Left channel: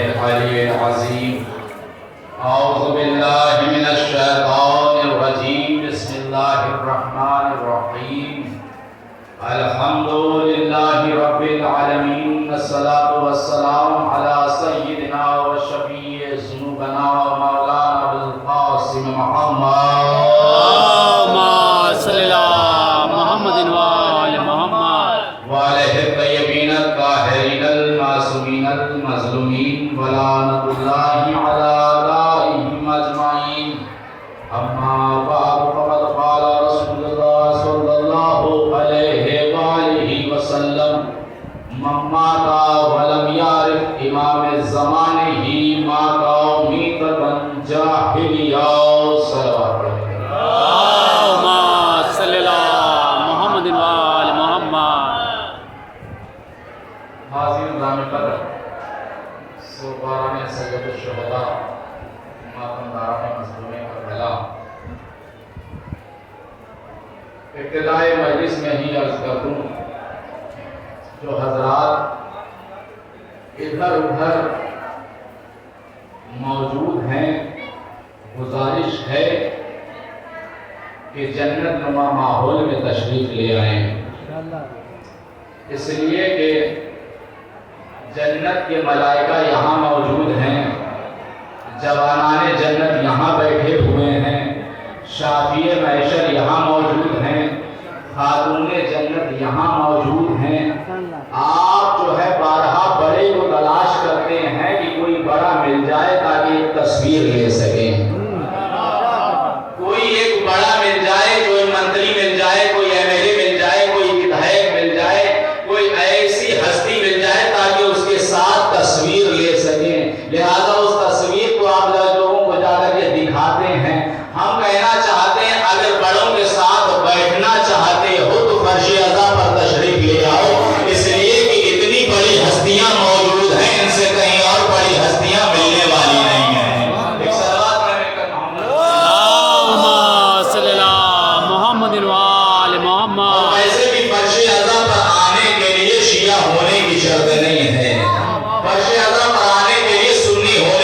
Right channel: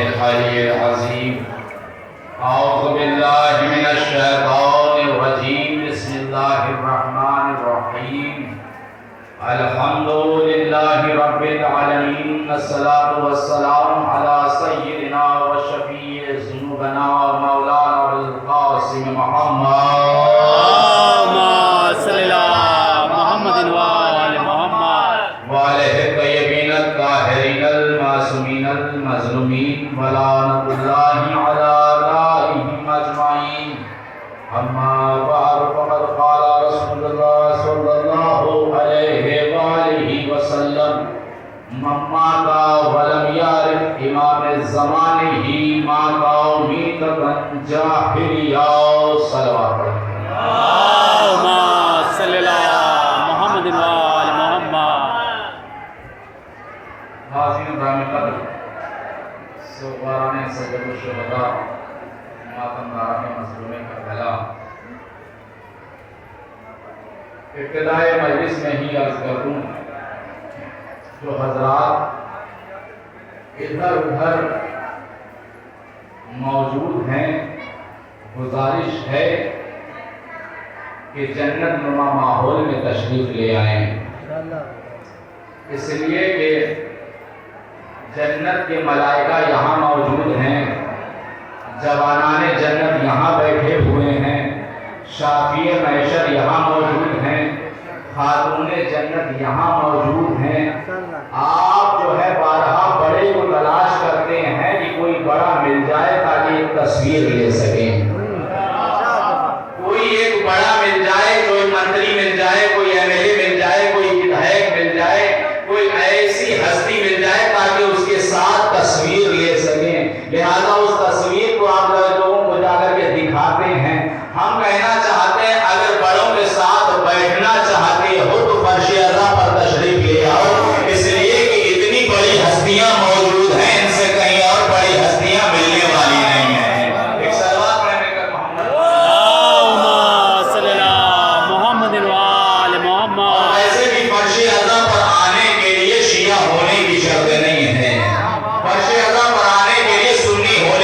العلی العظیم اعوذ باللہ من الشیطان الرجیم بسم اللہ الرحمن الرحیم الحمد للہ رب العالمین الصلاة والسلام علی سیدنا و شفیع ذنوبنا و مولانا بالقاسم محمد اللہم صلی اللہ محمد وآل محمد وعلیہ الطیبین الطاہرین المعصومین المظلومین ولعنۃ اللہ علی اعدائہم اجمعین اما بعد فقد قال رسول اللہ صلی اللہ علیہ وآلہ وسلم من مات ولم یعرف امام زمانہ مات میتۃ جاہلیہ صلوات اللہم صلی اللہ محمد وآل محمد حاضرین گرامی قدر سوگواران سید الشہداء ماتمداران مظلومین کربلا، ابتدائے مجلس میں ہی عرض کر دوں جو حضرات ادھر ادھر موجود ہیں، گزارش ہے کہ جنت نما ماحول میں تشریف لے آئیں، اس لیے کہ جنت کے ملائکہ یہاں موجود ہیں، جوانان جنت یہاں بیٹھے ہوئے ہیں، شافی معشر یہاں موجود ہیں، خاتون جنت یہاں موجود ہیں۔ آپ جو ہے بارہا بڑے کو تلاش کرتے ہیں کہ کوئی بڑا مل جائے تاکہ ایک تصویر لے سکیں، کوئی ایک بڑا مل جائے، کوئی منتری مل جائے، کوئی ایم ایل اے مل جائے، کوئی ودھائک مل جائے، کوئی ایسی ہستی مل جائے تاکہ اس کے ساتھ تصویر لے سکیں، لہذا اس تصویر کو آپ لوگوں کو جا کر کے دکھاتے ہیں۔ ہم کہنا چاہتے ہیں اگر بڑوں کے ساتھ بیٹھنا چاہتے ہو تو فرش اعظم پر تشریف لے آؤ، اس لیے کہ اتنی بڑی ہستیاں موجود ہیں، ان سے کہیں اور بڑی ہستیاں ملنے والی نہیں ہیں۔ ایک صلوات پڑھنے کا محمد اللہم صلی اللہ محمد وآل محمد۔ ویسے بھی فرش اعظم پر آنے کے لیے شیعہ ہونے کی شرط نہیں ہے، فرش اعظم پر آنے کے لیے سنی ہونے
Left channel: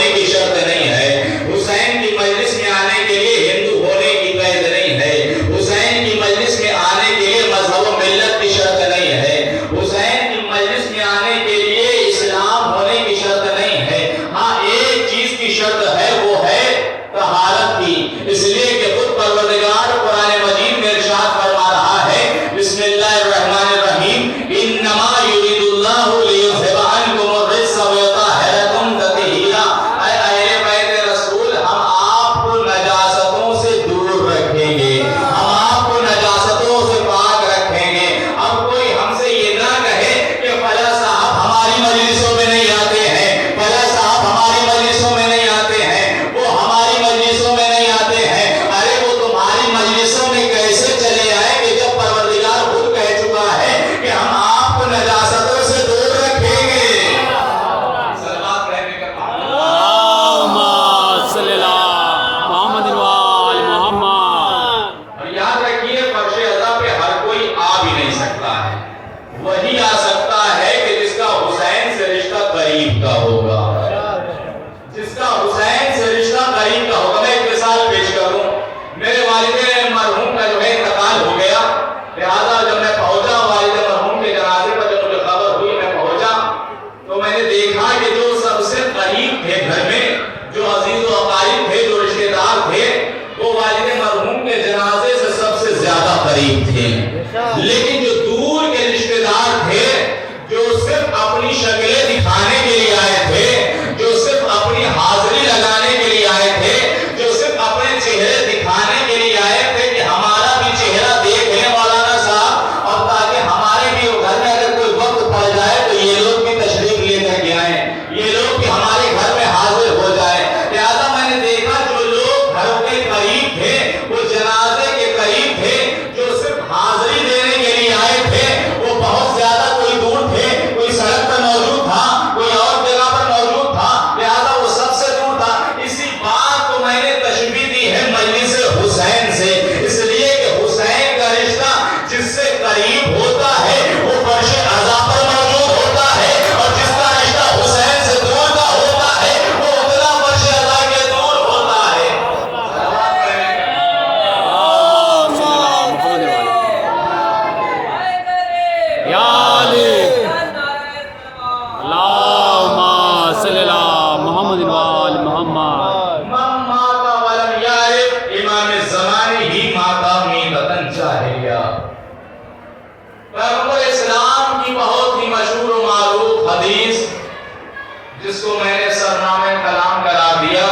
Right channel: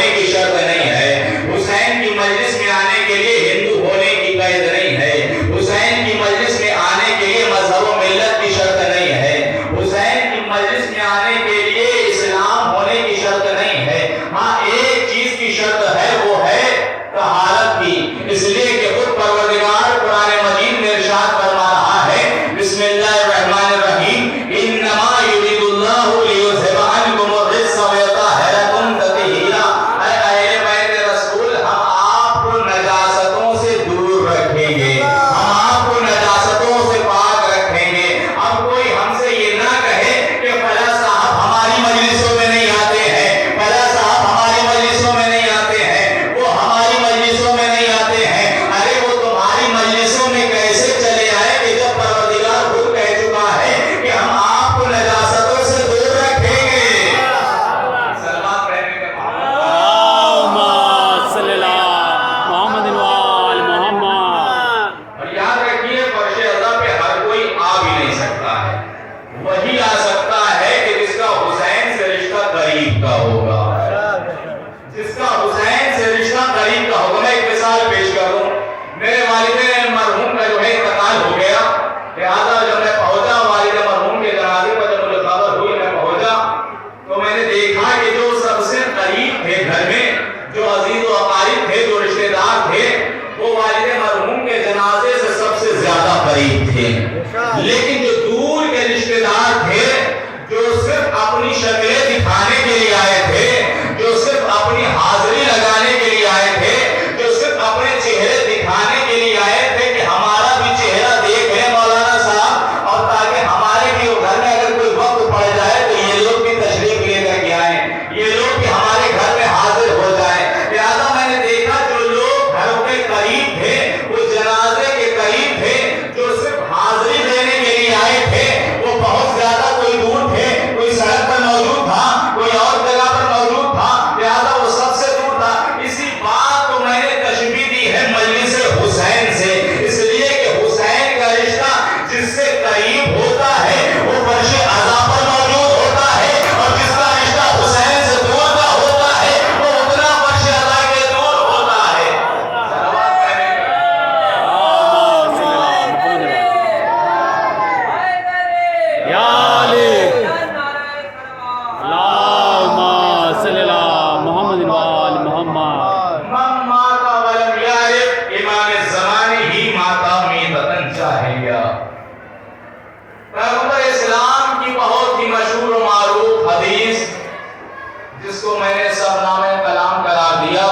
جس کو میں نے سرنامہ کلام کرا دیا،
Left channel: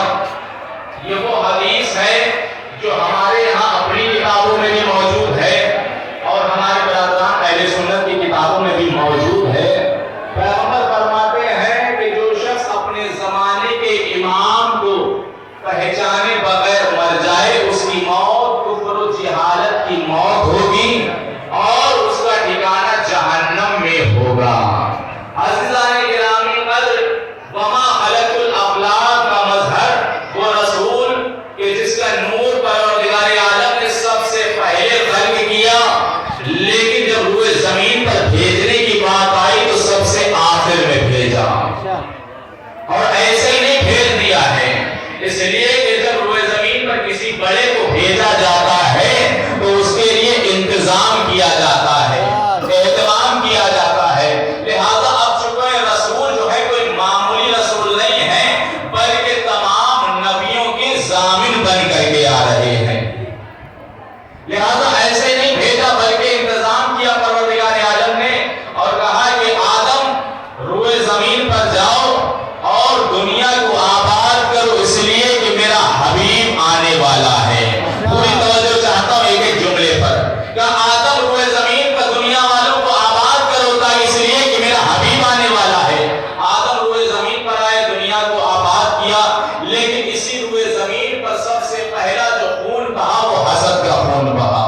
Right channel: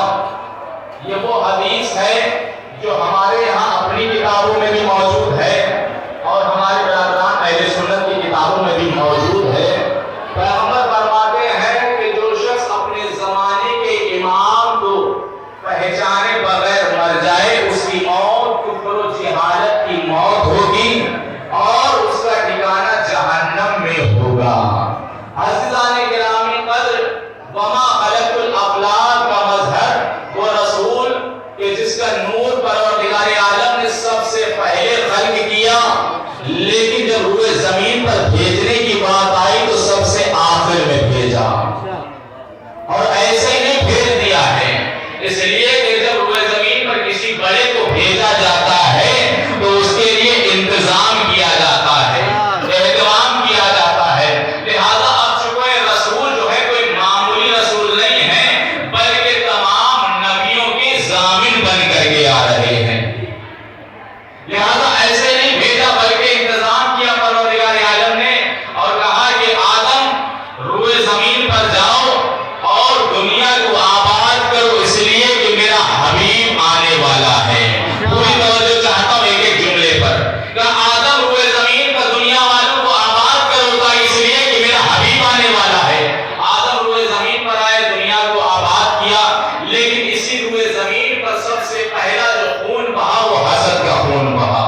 یہ وہ حدیث ہے جو ہمارے یہاں اپنی کتابوں میں بھی موجود ہے اور ہمارے برادران اہل سنت کی کتابوں میں بھی موجود ہے۔ پیغمبر فرماتے ہیں کہ جو شخص اپنے زمانے کے امام کو پہچانے بغیر مر جائے، اس کی موت کفر و جہالت کی موت ہوگی اور اس کا ٹھکانہ جہنم میں ہوگا۔ عزیزان گرامی قدر، وما خلقت الافلاک کا مظہر وہ رسول کہ جس کا نور پروردگار عالم نے سب سے پہلے خلق کیا، لیکن جب روئے زمین پر بھیجنے کی بات آئی تو سب سے آخر میں بھیجا، اور ایسے ہی نہیں بھیج دیا ہے۔ اس لیے کہ جب روئے زمین پر کسی بڑے کو بھیجا جاتا ہے تو اس کے لیے انتظام کیا جاتا ہے، اہتمام کیا جاتا ہے۔ لہذا اب چونکہ رسول جو ہے کوئی معمولی رسول نہیں ہے، بلکہ تمام نبیوں کے ضامن بن کر کے آ رہے ہیں، لہذا ایسے نہیں بھیجا بلکہ انتظام کیا پروردگار عالم نے اور کہا کہ آدم روئے زمین پر جاؤ اور دنیا کو آباد کرو، اس لیے کہ میرا حبیب آنے والا ہے۔ پوری توجہ چاہتا ہوں ایک ایک جملے پر کہ آدم روئے زمین پر دنیا والوں کو آباد کرو تھا، اس لیے کہ میرا حبیب آنے والا ہے۔ آدم روئے زمین پر آئے، دنیا کو آباد کیا، لیکن اسی روئے زمین پر سب سے پہلا جو خون بہا وہ حسد کا خون بہا،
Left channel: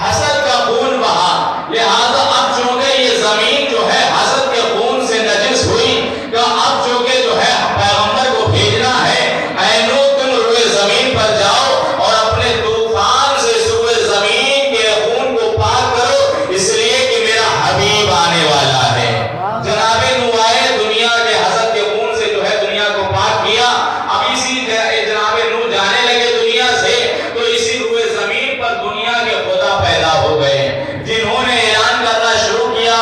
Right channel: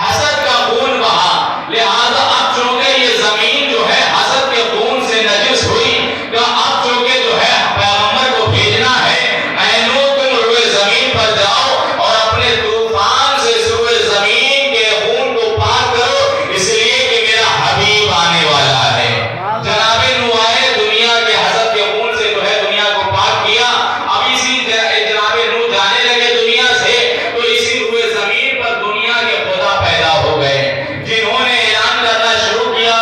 حسد کا خون بہا۔ لہذا اب چونکہ یہ زمین جو ہے حسد کے خون سے نجس ہوئی، کہ اب چونکہ جو ہے پیغمبر کو بھیجنا ہے، اے نوح تم روئے زمین پر جاؤ اور اپنے طوفان سے اس روئے زمین کے خون کو پاک کرو، اس لیے کہ میرا حبیب آنے والا ہے۔ جناب نوح آئے، دنیا کے حسد کے خون سے جو ہے دنیا کو پاک کیا۔ اب اسی جناب نوح جانے لگے دنیا سے تو اسی روئے زمین پر دنیا کے خدا پیدا ہو گئے، جنہوں نے اعلان کرنا شروع کیا،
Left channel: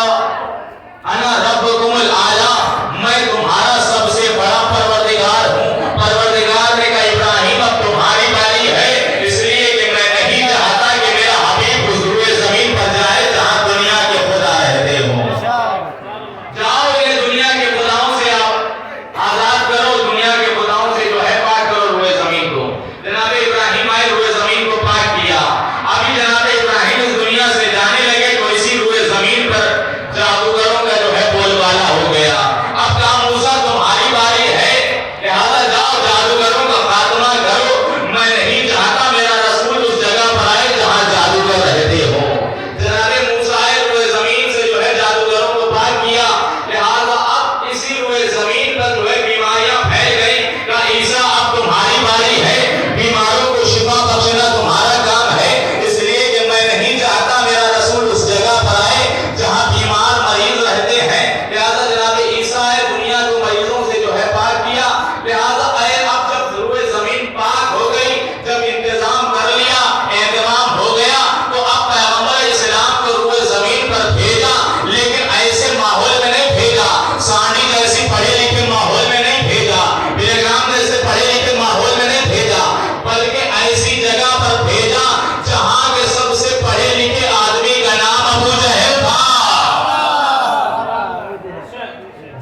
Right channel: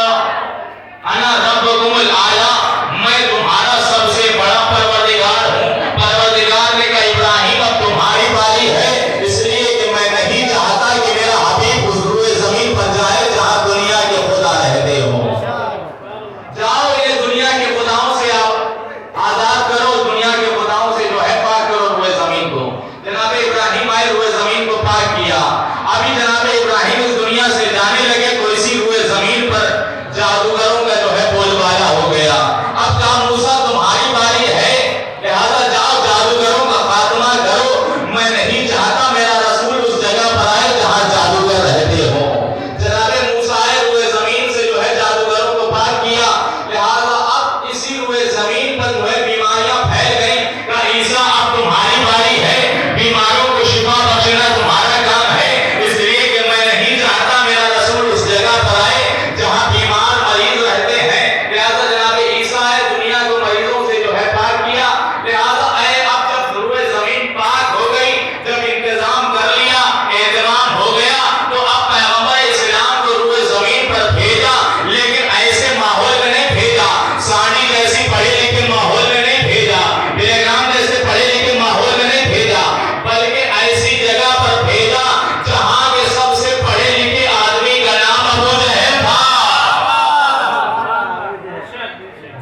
انا ربکم الاعلی، میں تمہارا سب سے بڑا پروردگار ہوں۔ پروردگار نے کہا ابراہیم اب تمہاری باری ہے، اس لیے کہ میں نہیں چاہتا کہ میرا حبیب اس روئے زمین پر جائے جہاں دنیا کے خدا رہتے ہوں۔ جاؤ یہ دنیا کے خداؤں سے آپ آزاد کرو، دنیا کے خداؤں سے جو ہے پاک کرو روئے زمین کو۔ جناب ابراہیم آئے، روئے زمین کو پاک کیا۔ ابھی جناب ابراہیم اس دنیا سے جانے لگے تو اسی روئے زمین پر جادوگروں کا جو ہے بول بالا ہو گیا۔ اب کہا موسیٰ تمہاری باری ہے، لہذا جاؤ جادوگروں کا خاتمہ کرو، میں نہیں چاہتا میرا رسول اس جگہ پر آئے جہاں جادوگر رہتے ہوں۔ جناب موسیٰ آئے، روئے زمین سے جو ہے جادوگروں کو پاک کیا، لہذا اب اسی روئے زمین پر جو ہے بیماریاں پھیل گئیں۔ کہا عیسیٰ اب تمہاری باری ہے، بیماروں کو شفا بخشنا تمہارا کام ہے، اس لیے کہ میں نہیں چاہتا میرا رسول اس جگہ پر آئے جہاں بیمار مریض رہتے ہیں۔ لہذا جناب عیسیٰ آئے، دنیا کو مریضوں سے جو ہے پاک کیا۔ لہذا اے اب جب روئے زمین پاک ہو گئی، جب انتظام کر لیا، اہتمام ہو گیا، تو اب پیغمبر اسلام کو روئے زمین پر بھیجا، لیکن ایسے ماحول میں نہیں بھیجا، سانڈی جیسی پڑھے لکھے ماحول میں نہیں بھیجا، ٹیلی گرام جیسے پڑھے لکھے ماحول میں نہیں بھیجا، بلکہ ایسی جگہ پر بھیجا جہاں کے سب سے پڑھے لکھے آدمی کا نام ابو جہل تھا،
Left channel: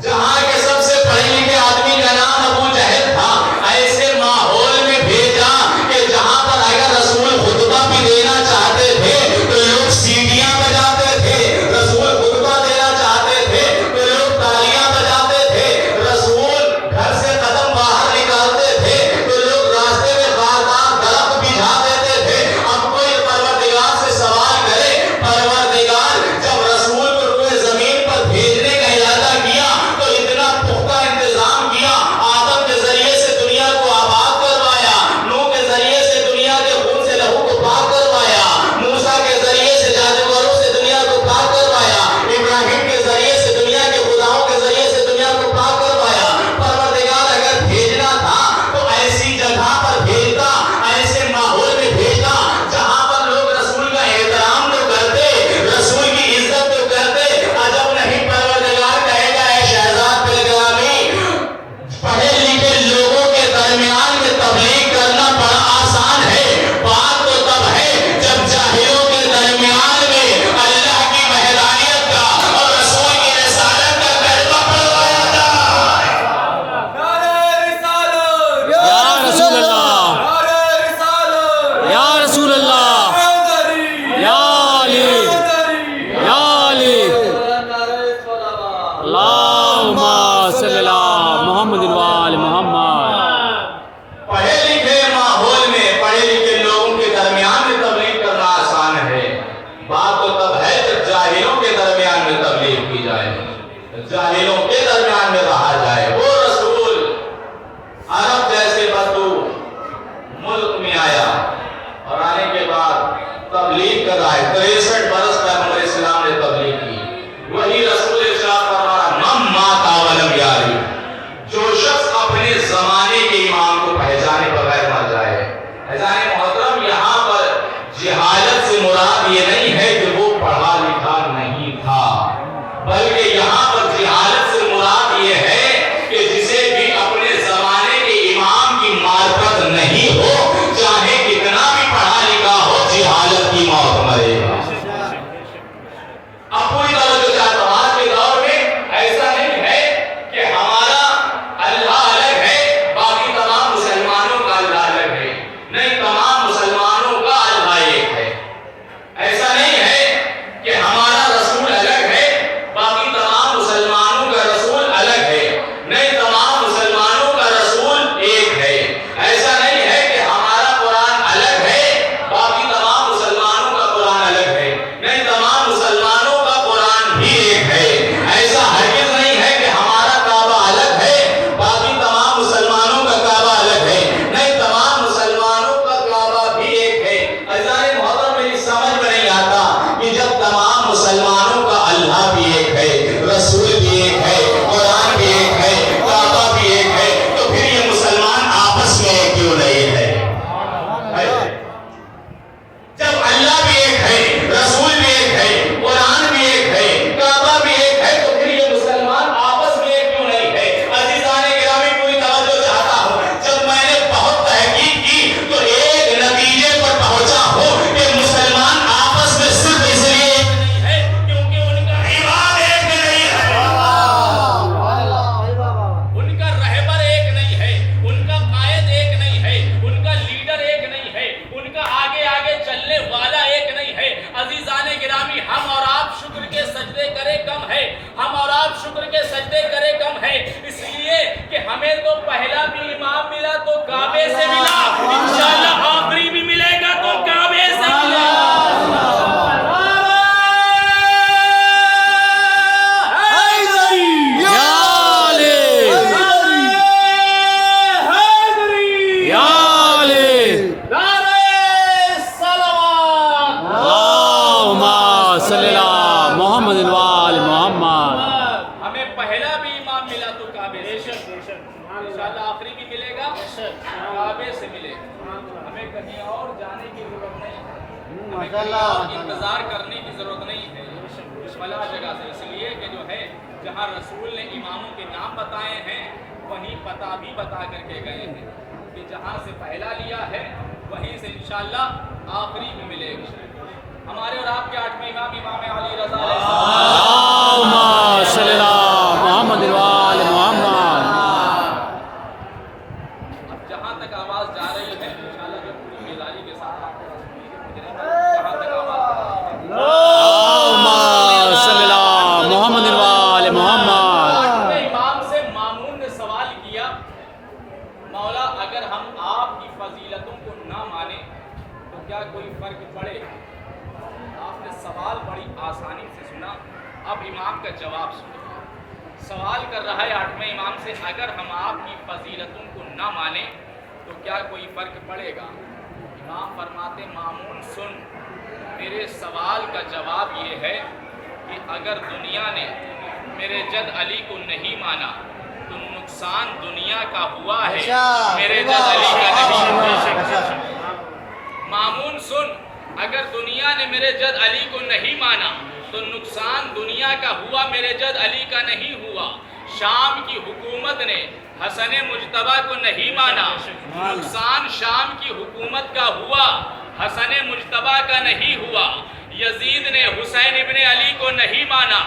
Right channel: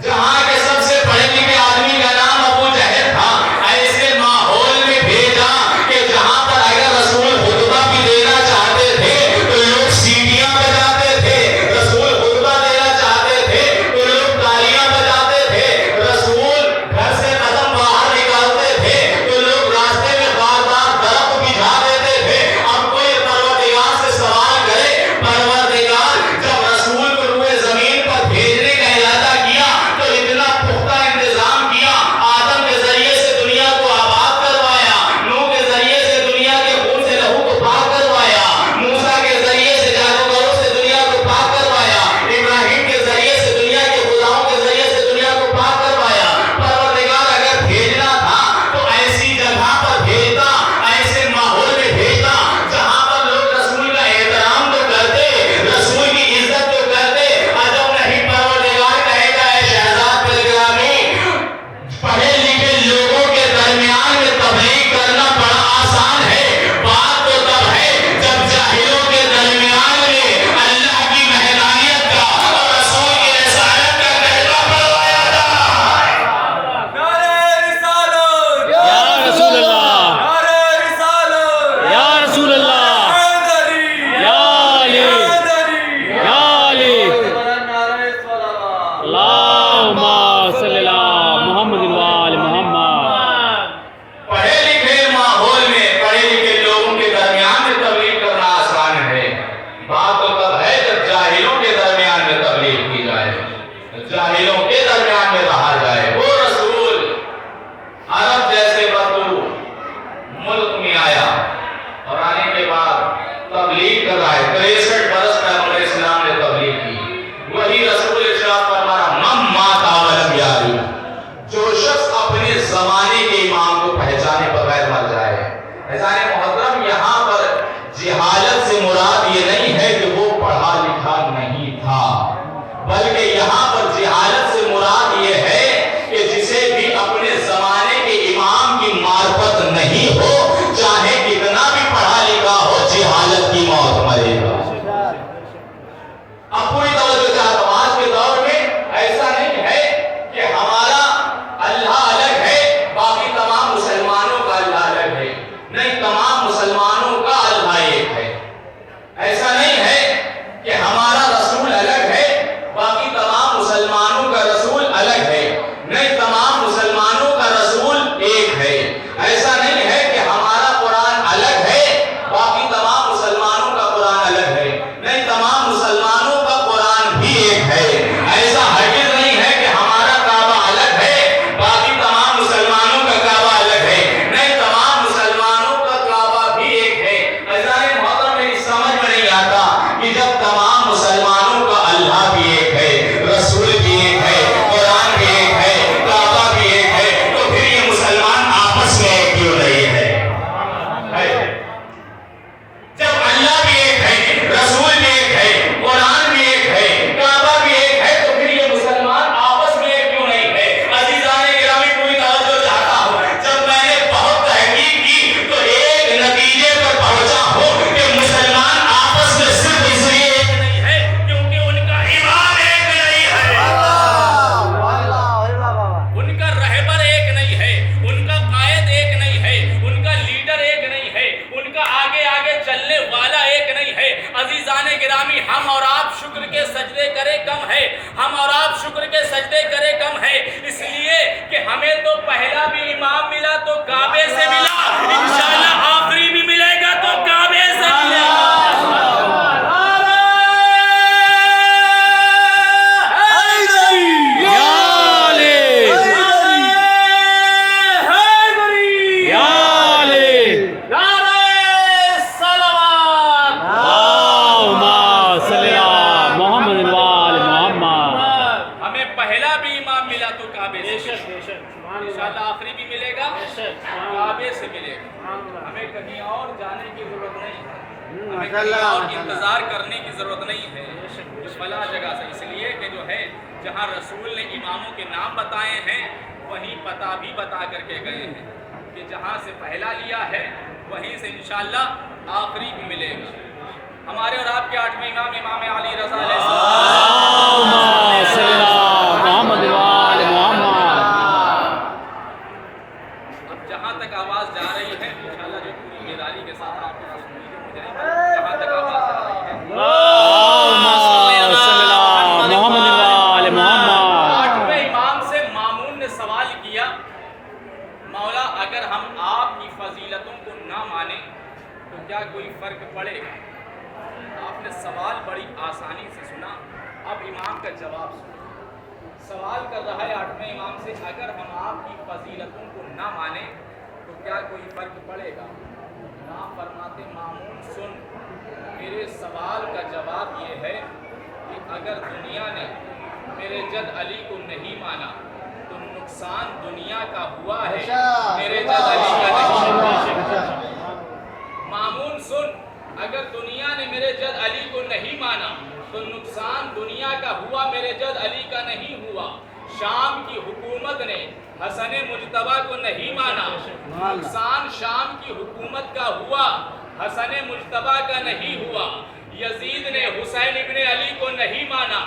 جہاں کے سب سے پڑھے لکھے آدمی کا نام ابو جہل تھا۔ ایسے ماحول میں بھیجا کہ جہاں پر اگر رسول خطبہ بھی دینا چاہتے تھے تو لوگ سیڑھیاں بجاتے تھے، رسول خطبہ دینا چاہتے تھے تو لوگ تالیاں بجاتے تھے، رسول گھر سے قدم باہر نکالتے تھے تو لوگ راستے میں خاردار درخت بجھا دیتے تھے۔ اب کوئی پروردگار سے سوال کرے، پروردگار جب رسول کو روئے زمین پر بھیجنے کا ارادہ کیا تو اتنا صلی اللہ محمد وآل محمد. پڑھے لکھے ماحول میں پڑھے لکھے لوگوں کے درمیان میں تبلیغ کرنا آسان ہے. بات تو تب ہے جب جاہلوں کے درمیان میں تبلیغ کی جائے, جاہلوں کے درمیان میں رہا جائے. وہ رسول عرب جیسے بدو ملک میں آیا اور آنے کے بعد تبلیغ کر رہا ہے. 63 برس پیغمبر اسلام نے تبلیغ کی. وہی رسول ارشاد فرما رہا من مات ولم یعرف, جو شخص اپنے زمانے کے امام کو پہچانے بغیر مر جائے. اذان محترم, یہاں پر جہالت سے مراد یہ نہیں ہے کہ وہ پڑھا لکھا نہیں تھا, بلکہ یہاں پر جہالت سے مراد یہ ہے کہ جسے بھی اپنے زمانے کے امام کی معرفت نہیں ہو, چاہے کتنا بھی پڑھا لکھا ہو, جہالت کی موت مرے گا. اب پوری توجہ چاہتا ہوں, آج کے دور میں ایسا نہیں ہے کہ ہمارا اللہ الگ ہے, باقی تمام مسلمانوں کا اللہ الگ ہے. نہیں, تمام مسلمانوں کا اللہ ایک ہے. ایسا نہیں ہے کہ ہمارا رسول الگ ہے, باقی تمام مسلمانوں کا رسول الگ ہے. نہیں, تمام مسلمانوں کا رسول ایک ہے. ایسا نہیں ہے کہ ہمارا قرآن الگ ہے, باقی تمام مسلمانوں کا قرآن الگ ہے. نہیں, تمام مسلمانوں کا قرآن بھی ایک ہے. ایسا ہرگز نہیں ہے کہ ہمارا کعبہ الگ ہے, باقی تمام مسلمانوں کا کعبہ الگ ہے. نہیں, تمام مسلمانوں کا کعبہ بھی ایک ہے. اذان محترم, میری سمجھ میں نہیں آتا کہ جب تمام مسلمانوں کا اللہ بھی ایک ہے, رسول بھی ایک ہے, قرآن بھی ایک ہے, کعبہ بھی ایک ہے, تو پھر یہ مسلمان آپس میں ایک کیوں نہیں ہے؟ جب اللہ بھی ایک ہے, رسول بھی ایک ہے, قرآن بھی ایک ہے, کعبہ بھی ایک ہے, تو پھر یہ مسلمان آپس میں ایک کیوں نہیں ہے؟ عزیزان گرامی, پوری توجہ چاہتا ہوں. جب میں نے بہت تحقیق کی تو ایک نتیجے پر پہنچا ہوں کہ مسلمان آپس میں صرف اس لیے ایک نہیں ہے کیونکہ ان کا امام ایک نہیں ہے, ان کا رہبر ایک نہیں ہے, ان کا قائد ایک نہیں ہے, ان کا لیڈر ایک نہیں ہے, ان کا آگے آگے چلنے والا ایک نہیں ہے. عزیزان گرامی, ہم اور آپ شکر کے سجدے کرے کم ہے, ہم اور آپ شکر کے سجدے کرے کم ہے, اس لیے کہ ہمیں تو پہلا بھی امام ملا تو کعبے سے ملا, انشاءاللہ آخری بھی ملے گا تو کعبے سے ملے گا. یا علی, یا علی, اللہم صلی اللہ محمد وآل محمد. ہمیں پہلا بھی امام ملا تو کعبے سے, انشاءاللہ آخری بھی ملے گا, کعبے سے ملے گا. ہمیں کہیں اور جانے کی ضرورت نہیں ہے, ہمیں کہیں اور انتظار کرنے کی ضرورت نہیں ہے اس فلاں جگہ سے. اس لیے کہ جو ہے جہاں رسول نے اماموں کے نام بتائے ہیں وہیں پتہ بھی بتا کر کے گئے ہیں کہ جہاں سے پہلا لیا ہے وہیں سے انشاءاللہ آخری بھی ملے گا. ہمارے اور آپ کے 8ویں امام امام علی رضا علیہ السلام, اللہم صلی اللہ محمد وآل محمد. اب جہاں تک آواز جا رہی ہے انشاءاللہ جو پوری بیداری کے ساتھ آپ تھوڑا سن لیجیے, مجھے نہیں معلوم جہاں تک آواز جا رہی ہے. اللہم صلی اللہ محمد وآل محمد. 8ویں امام سے مامون نے سوال کیا, مولا اگر ہم آپ کی فضیلتوں کو نہ مانیں تو کیا کوئی فرق پڑے گا؟ آپ نے سوال بڑی آسانی سے سنا, اب امام کا جواب سنو. سوال کر رہا ہے 8ویں امام سے, اگر ہم آپ کی فضیلتوں کو نہ مانیں تو کیا کوئی فرق پڑے گا؟ امام فرماتے, مامون سن, میرے سوال کا جواب یہ ہے کہ اگر دنیا نے میرے جد علی کو نہیں مانا تو نقصان دنیا کا ہوا ہے, میرے جد علی کا نہیں ہوا. مامون سن, اگر دنیا نے میرے جد علی کو نہیں مانا تو نقصان دنیا کا ہوا, میرے جد علی کا نہیں ہوا. شام کی حکومت نے حسن مجتبیٰ کو نہیں مانا, نقصان شام کی حکومت کا ہوا, حسن مجتبیٰ کا نہیں ہوا. یزید نے حسین ابن علی کو نہیں مانا,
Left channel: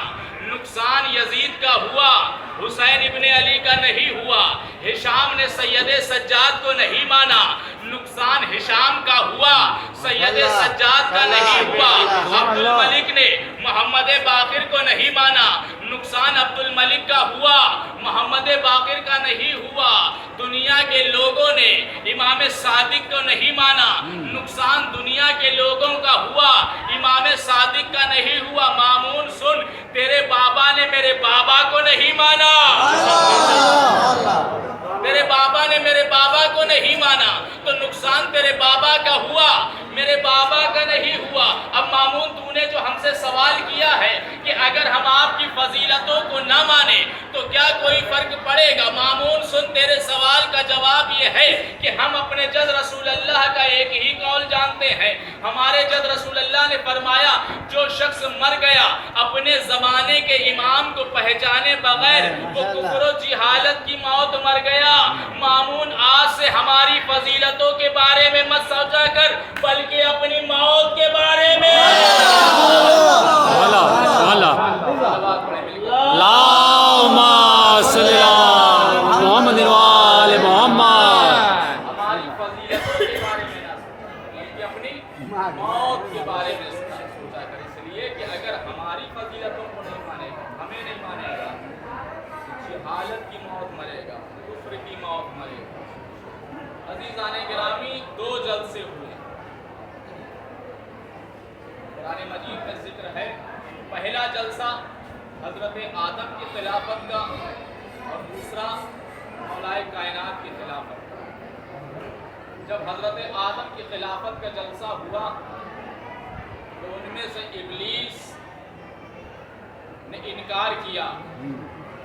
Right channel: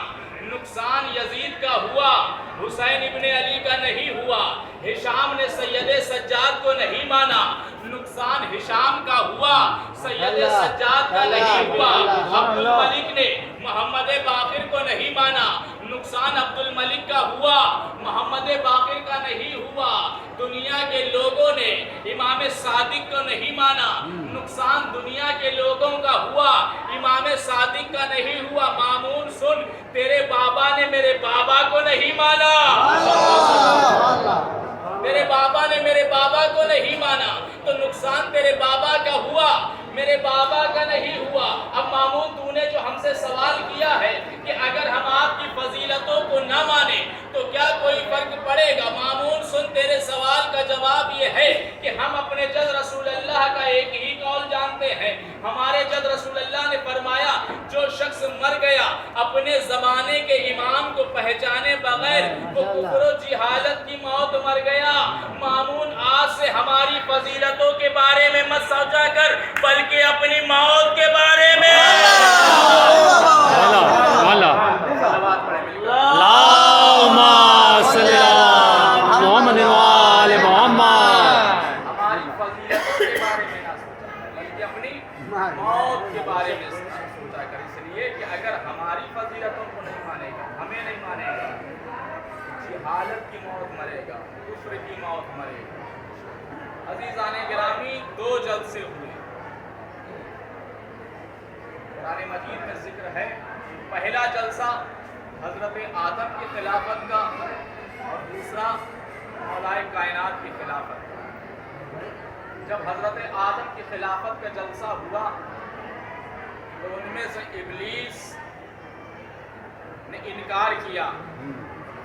نقصان یزید کا ہوا, حسین ابن علی کا نہیں ہوا. ہشام نے سید سجاد کو نہیں مانا, نقصان ہشام کا ہوا, سید سجاد کا نہیں ہوا. عبد الملک نے محمد باقر کو نہیں مانا, نقصان عبد الملک کا ہوا، محمد باقر کا نہیں ہوا۔ دنیا کے لوگوں نے امام صادق کو نہیں مانا، نقصان دنیا کے لوگوں کا ہوا، امام صادق کا نہیں ہوا۔ مامون سن، تیرے بابا نے میرے بابا کو نہیں مانا، تیرے بابا نے میرے بابا کو نہیں مانا، تو نقصان تیرے بابا کا ہوا، میرے بابا کا نہیں ہوا۔ اب مامون تو نے جو ہم سے سوال کیا ہے کہ اگر ہم آپ کی فضیلتوں کو نہ مانیں تو کیا کوئی فرق پڑے گا؟ مامون سن، تیرے سوال کا جواب یہ ہے کہ ہم اپنے جد رسول اللہ کا ایک ہی قول جانتے ہیں۔ ہمارے جد رسول اللہ نے فرمایا جو شخص مر گیا اپنے زمانے کے امام کو پہچانے بغیر وہ کفر و جہالت کی موت مر گیا۔ مامون آج سے ہماری فضیلتوں کے بارے میں مت سوچا کر بلکہ اپنی موت کے بارے میں اللہم صلی علی محمد وآل محمد۔ ہماری فضیلتوں کے بارے میں نہ سوچا بلکہ اپنی موت کے بارے میں سوچا کر، اس لیے کہ اگر ہماری فضیلتوں کو نہیں مانے گا، ہمیں نہیں مانے گا، جہالت کی موت مرے گا، کفر کی موت مرے گا۔ عزیزان گرامی، دو جلسے ہوئے، قرآن مجید میں ذکر ہے۔ پہلا جلسہ حضرت آدم کی خلافت کا اور دوسرا مولائے کائنات کی خلافت کا۔ جب حضرت آدم کی خلافت کا جلسہ ہوا تو ان میں سے ابلیس نے انکار کیا،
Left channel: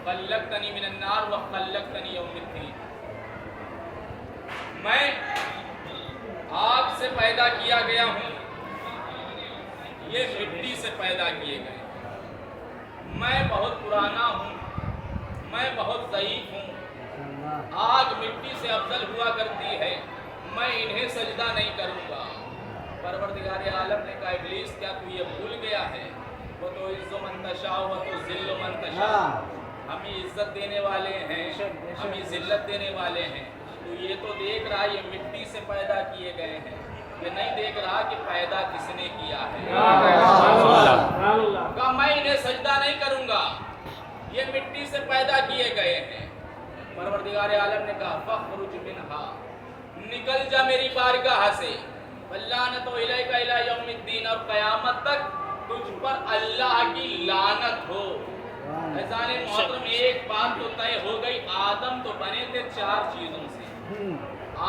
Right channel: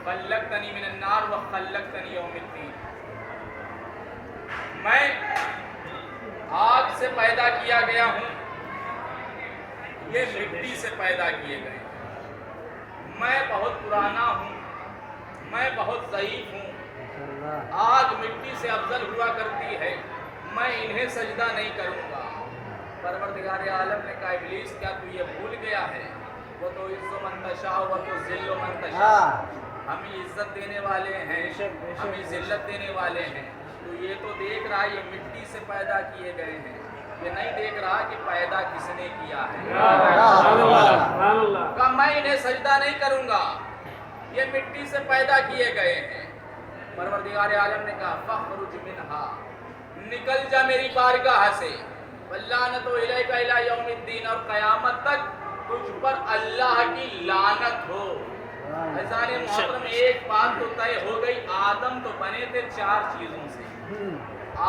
خلقتنی من النار وخلقتنی یوم الدین، میں آگ سے پیدا کیا گیا ہوں، یہ مٹی سے پیدا کیے گئے، میں بہت پرانا ہوں، میں بہت ضعیف ہوں، آگ مٹی سے افضل ہوا کرتی ہے، میں انہیں سجدہ نہیں کروں گا۔ پروردگار عالم نے کہا ابلیس کیا تو یہ بھول گیا ہے؟ وہ تو عز من تشاء و تو ذل من تشاء، ہمیں عزت دینے والے ہیں، ہمیں ذلت دینے والے ہیں، تو یہ تو دیکھ رہا یہ مٹی سے پیدا کیے گئے ہیں، یہ نہیں دیکھ رہا کہ پیدا کس نے کیا ہے۔ کہا میں انہیں سجدہ نہیں کروں گا، یہ مٹی سے پیدا کیے گئے ہیں۔ پروردگار عالم نے کہا فخرج منہا، نکل جا میری بارگاہ سے، واللعنت الیک الی یوم الدین، اور قیامت تک تجھ پر اللہ کی لعنت ہو۔ عزیزان محترم، ایک بات تو طے ہو گئی، آدم تو بنے تھے چار چیزوں سے،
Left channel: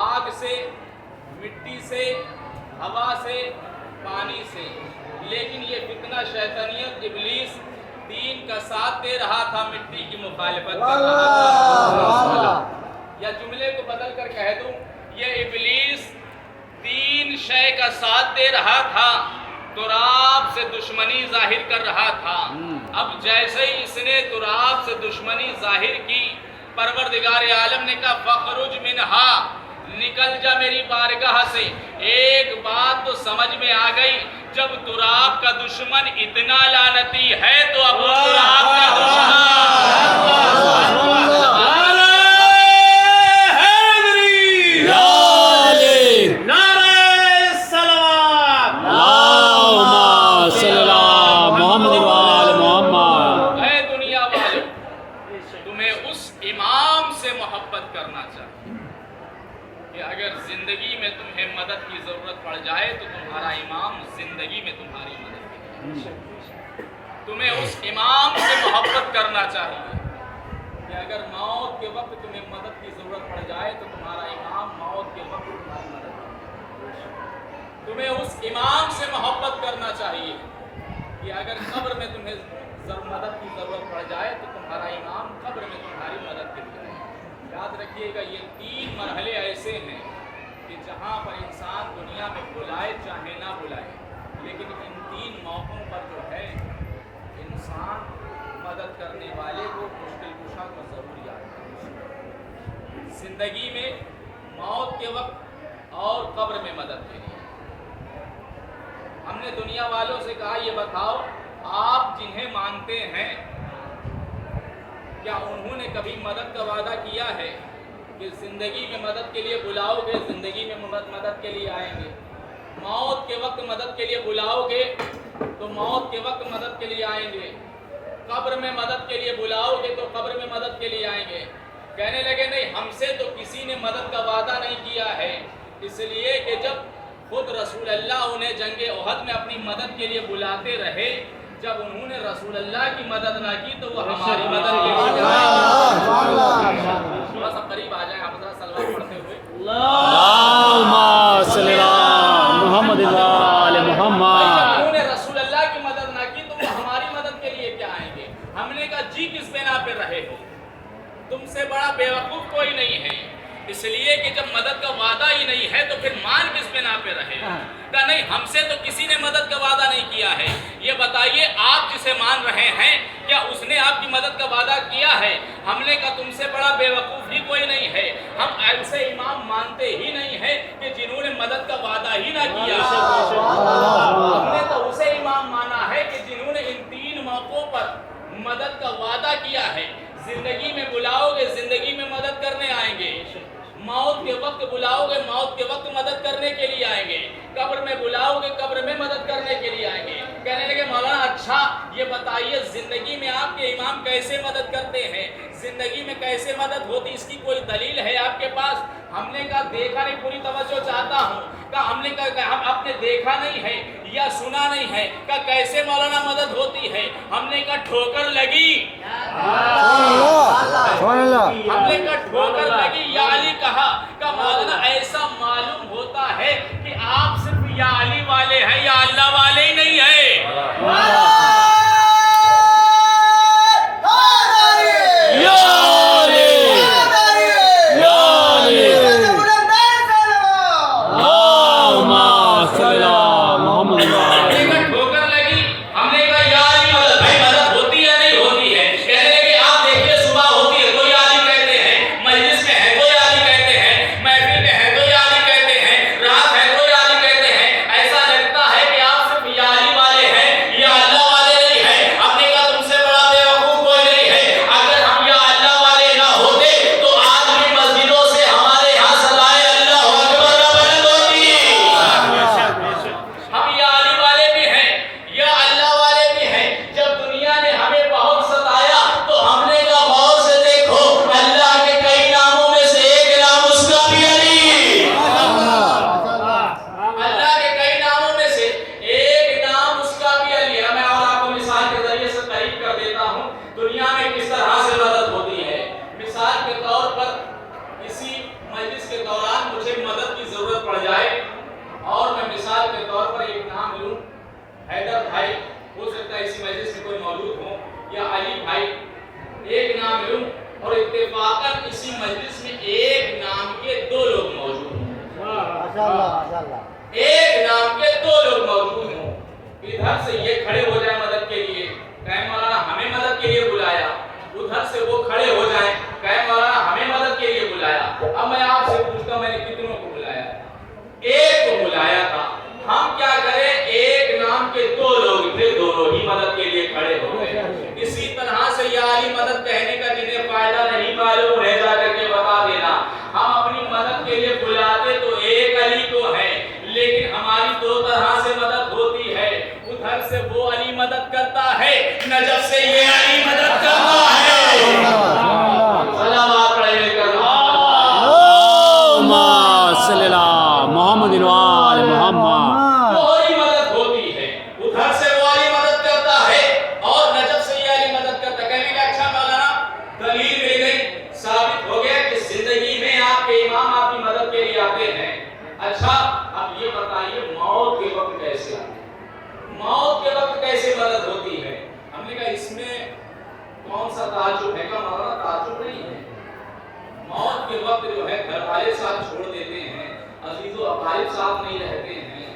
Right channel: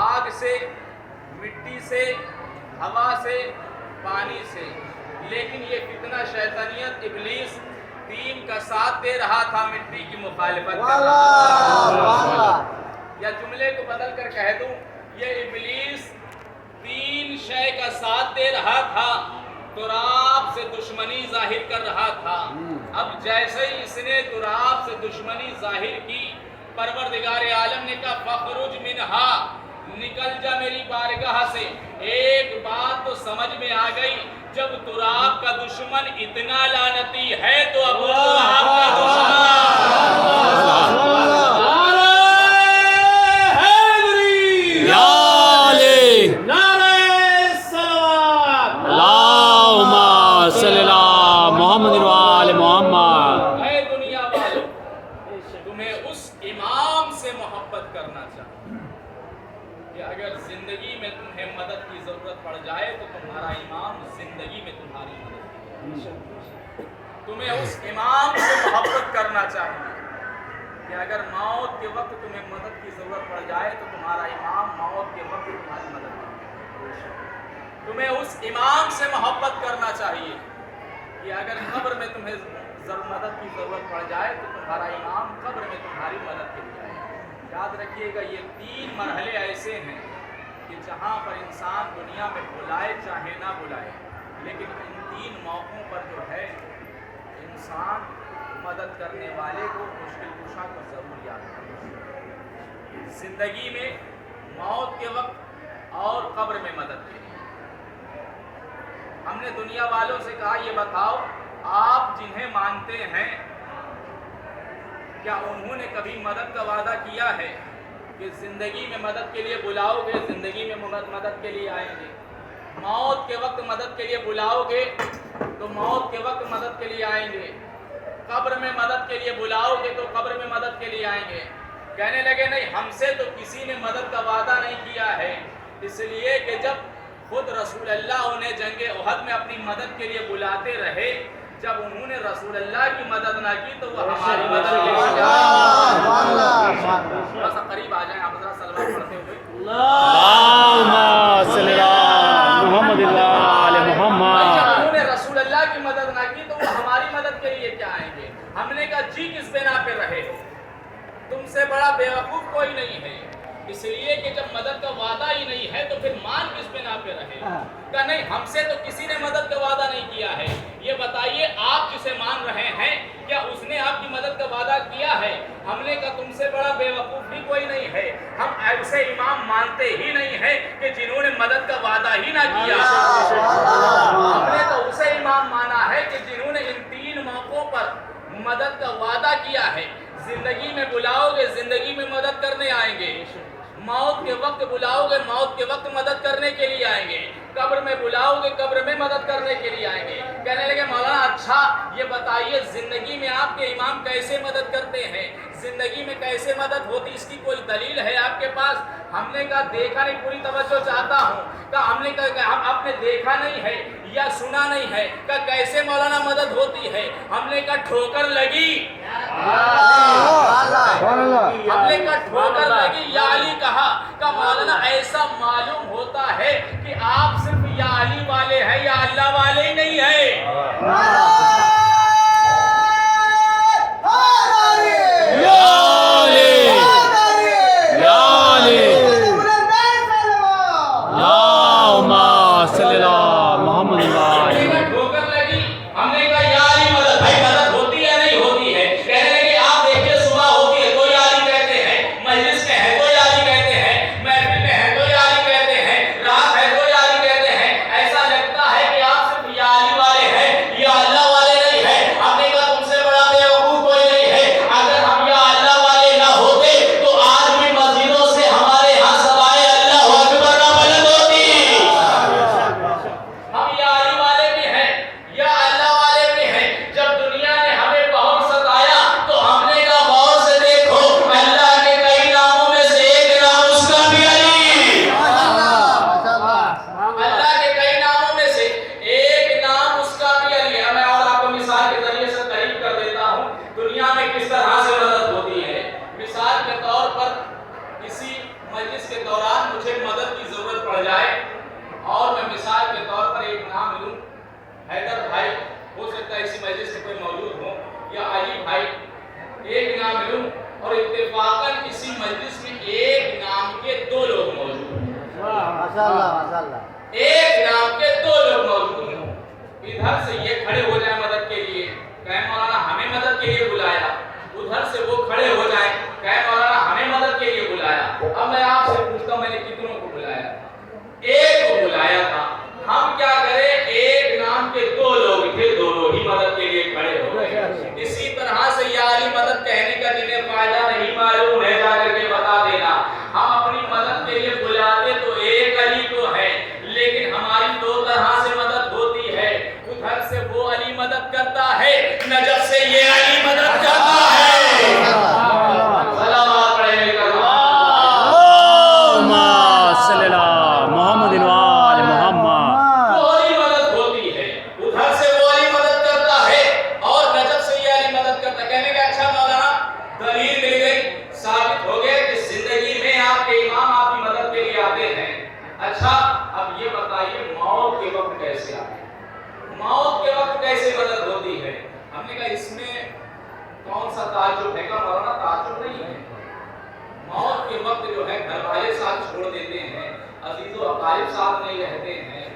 آگ سے، مٹی سے، ہوا سے، پانی سے، لیکن یہ فتنہ شیطانیت ابلیس تین کا ساتھ دے رہا تھا، مٹی کی مخالفت کر رہا تھا۔ یا جملے کو بدل کر کہہ دوں، یہ ابلیس تین شے کا ساتھ دے رہا تھا، تراب سے دشمنی ظاہر کر رہا تھا۔ اب جیسے ہی اس نے تراب سے دشمنی ظاہر کی، پروردگار عالم نے کہا فخرج منہا، نکل جا میری بارگاہ سے۔ ایک بات تو سمجھ میں آ گئی، جب تراب کا دشمن اتنا لعنتی ہے تو اب تراب کا محمد وآل محمد۔ اے دنیا والوں، تمہیں اس امام سے محبت کرنا چاہیے کہ اگر زندگی میں تمہیں مدد کی ضرورت پڑ جائے تو تمہارا امام زندگی میں تمہاری مدد کرے گا۔ تمہیں اس امام سے محبت کرنا چاہیے کہ اگر موت کے وقت تمہیں مدد کی ضرورت پڑ جائے تو تمہارا امام موت کے وقت تمہاری مدد کرے گا۔ تمہیں اس امام سے محبت کرنا چاہیے کہ اگر قبر میں تمہیں مدد کی ضرورت پڑ جائے تو تمہارا امام قبر میں تمہاری مدد کے لیے آئے گا۔ یاد رکھیے گا، یہ تین مرحلے ایسے ہیں کہ جہاں پر انسان دنیا میں بلائے چاہے نہ بلائے، لیکن ان تین موقعوں پر جو ہے انسان مدد کرنے والے کو، مشکل کشا کو ضرور یاد کرے، زندگی میں، موت کے وقت اور قبر میں مدد کے لیے۔ ہم نے دنیا والوں سے کہا یہ بتاؤ آپ جنہیں مانتے ہیں کیا انہوں نے کبھی مدد کا وعدہ کیا ہے کہ زندگی میں مدد کے لیے بلاؤ گے، زندگی میں مدد کے لیے آئیں گے، موت کے وقت مدد کے لیے بلاؤ گے تو موت کے وقت مدد کے لیے آئیں گے؟ قبر میں مدد کے لیے بلاؤ گے تو قبر میں مدد کے لیے آئیں گے. کہنے لگے نہیں ہم سے تو کسی نے مدد کا وعدہ نہیں کیا ہے, اس لیے کہ جب خود رسول اللہ انہیں جنگ احد میں اپنی مدد کے لیے بلاتے رہے, جب انہوں نے رسول اللہ کی مدد نہ کی تو وہ ہماری مدد کے لیے تھوڑا سا قریب آ جائیں آپ ذرا صلوات پڑھتے ہوئے. اللہم صلی علی محمد وآل محمد. جب انہوں نے رسول اللہ کی مدد نہ کی تو وہ ہماری مدد کے لیے کیا آئیں گے؟ ہم نے کہا جی کس بنا پہ رہے ہو, تم سے بڑا بیوقوف کوئی نہیں ہے, اس لیے کہ جب مدد کا وعدہ ہی نہیں ہے تو پھر مان کس بنا پہ رہے ہو؟ کہا نہیں ہم سے تو کسی نے مدد کا وعدہ نہیں کیا ہے, یہ بتائیے آپ جسے مان رہے ہیں کیا اس نے آپ کی مدد کا وعدہ کیا ہے؟ ہم نے کہا تم سے بڑا بیوقوف ہی کوئی نہیں ہے, ہم ایسے امام مانتے ہی نہیں ہیں کہ جنہوں نے مدد کا وعدہ ہی نہ کیا. ہم نے تو اسے امام مانا ہے کہ جنہوں نے ان 3 موقعوں پر مدد کا وعدہ کیا ہے. زندگی میں بلاؤ گے زندگی میں مدد کرنے آئیں گے, موت کے وقت بلاؤ گے موت کے وقت مدد کرنے کے لیے آئیں گے, قبر میں بلاؤ گے قبر میں مدد کرنے کے لیے آئیں گے. کہنے لگے مولانا اچھا یہ بتائیے زندگی میں آپ کے امام کیسے مدد کرتے ہیں, زندگی میں کیسے مدد ہوتی, اس کی کوئی دلیل ہے آپ کے پاس؟ ہم نے کہا دیکھا نہیں, پوری توجہ چاہتا ہوں. کہا ہم نے کہا ہم آپ نے دیکھا نہیں ہے یا سنا نہیں ہے. کہا کیسے مولانا مدد ہوتی ہے؟ ہم نے کہا ٹھوکر لگی, ہم نے کہا ٹھوکر لگی یا علی کہا. کہ مولانا ایسا معلوم ہوتا ہے کہ آپ صرف یا علی والے ہیں یا اللہ والے ہی نہیں ہیں. ٹھوکر لگی, ہم نے کہا یا علی مدد, بھائی مدد ہوتی ہے نہیں ہوتی ہے؟ کہنے لگے آپ دیکھیے صبح ہوتی ہے تو یا علی کہتے ہیں, مجلس میں ہے تو یا علی کہتے ہیں, محفل میں ہے تو یا علی کہتے ہیں, رات ہے تو یا علی کہتے ہیں. ایسا لگتا ہے کہ آپ صرف یا علی والے ہیں یا اللہ والے نہیں ہیں. ہم نے کہا تم سے بڑا بیوقوف کوئی نہیں ہے, اگر ہم یا اللہ والے نہ ہوتے تو آج بھی مسجدوں سے ہمارے یہاں صدائے اللہ اکبر بلند ہوتی. ہم یا علی والے بھی ہیں یا اللہ والے بھی ہیں. جب دنیا نے ہمیں بہت ستایا تو ہم نے کہا غور سے دیکھو اللہ کے کئی ناموں میں سے ایک نام اس کا بھی علی. اللہ کے کئی ناموں میں سے ایک نام اس کا بھی علی ہے. میں اور آپ کو مثال کے ذریعے سے قریب کر دیتا ہوں دنیا میں کس طرح سے مدد ہوتی ہے. مثال کے طور پر کسی مجلس کے دوران مجھے مدد کی ضرورت پڑ جائے اور میں مثال کے طور پر ایک نام لوں, حیدر بھائی, ہو سکتا ہے اسی مجلس میں کوئی موجود ہو, یا علی بھائی, ایک نام لوں اور اتفاقاً اسی مجلس میں ایک نام کے 2 لوگ موجود ہوں, ایک نام کے 2 لوگ موجود ہوں. ادھر سے یہ کھڑے ہو جائیں مدد کے لیے, کہیں مولانا ہمیں مدد کے لیے بلایا, ادھر سے وہ کھڑے ہو جائیں کہیں مولانا ہمیں مدد کے لیے بلایا. اب میں آپ سے پوچھتا ہوں میں نے کتنوں کو بلایا؟ ایک کو بلایا تھا. ہم کیا کریں, ایک نام کے 2 لوگ تھے, دونوں ہی مدد کے لیے کھڑے ہو گئے. اسی طرح سے یا علی مدد کہنے کا جنہیں فائدہ نہیں معلوم ہے جا کر کے بتا دینا. ہم اپنی مدد کے لیے بلاتے تو ایک علی کو ہے, لیکن ہماری 2 طرح سے مدد ہوتی ہے. ادھر سے وہ علی مدد کرتا ہے, نجف سے یہ علی مدد کرتا ہے. سلام پڑھے کرنا صلی اللہ محمد وآل محمد. وہی مدد ہوتی ہے, ادھر سے وہ علی مدد کرتا ہے اور نجف سے یہ علی مدد کرتا ہے. کہنے کا اچھا مولانا دلیل مل گئی, ثابت ہو گیا کہ زندگی میں آپ کے امام آپ کی مدد کے لیے آتے ہیں. اچھا اب یہ بتائیے موت کے وقت کیسے آتے ہیں, موت کے وقت کیسے مدد ہوتی ہے؟ ہم نے کہا اس میں کون سا تعجب ہے؟ کہ مولانا تعجب نہیں ہے. موت کے وقت جو ہے گھر والے ساتھ چھوڑ دیتے ہیں, عزیز و اقارب ساتھ نہیں رہتے ہیں,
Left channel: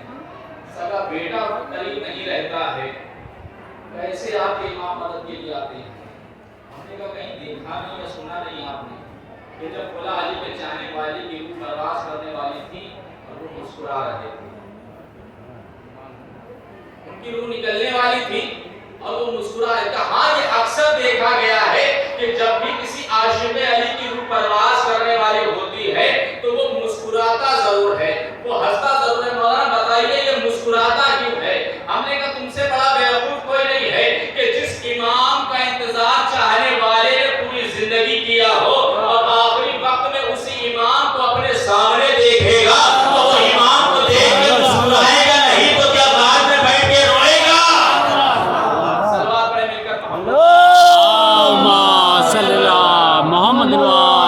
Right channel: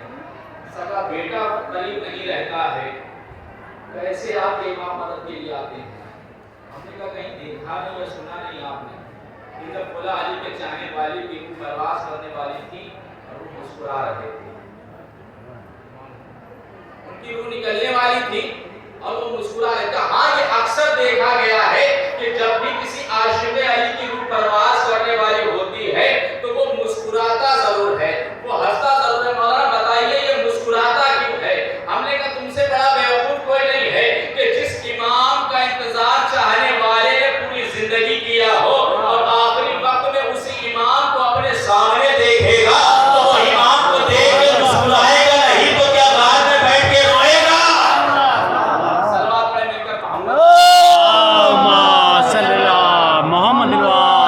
سگا بیٹا قریب نہیں رہتا ہے, کیسے آپ کے امام مدد کے لیے آتے ہیں؟ ہم نے کہا کہیں دیکھا نہیں یا سنا نہیں آپ نے کہ جب مولا علی کے چاہنے والی کی روح پرواز کرنے والی تھی اور وہ مسکرا رہے تھے, ان کی روح نکلنے والی تھی اور وہ مسکرا رہے تھے. ہاں یہ اکثر دیکھا گیا ہے کہ جب بھی کسی عاشق علی کی روح پرواز کرنے والی ہوتی ہے تو وہ مسکراتا ضرور ہے, وہ ہنستا ضرور ہے. مولانا بتائیے یہ مسکراتا کیوں ہے؟ ہم نے کہا تم سے بڑا بیوقوف کوئی نہیں ہے کہ جس امام کا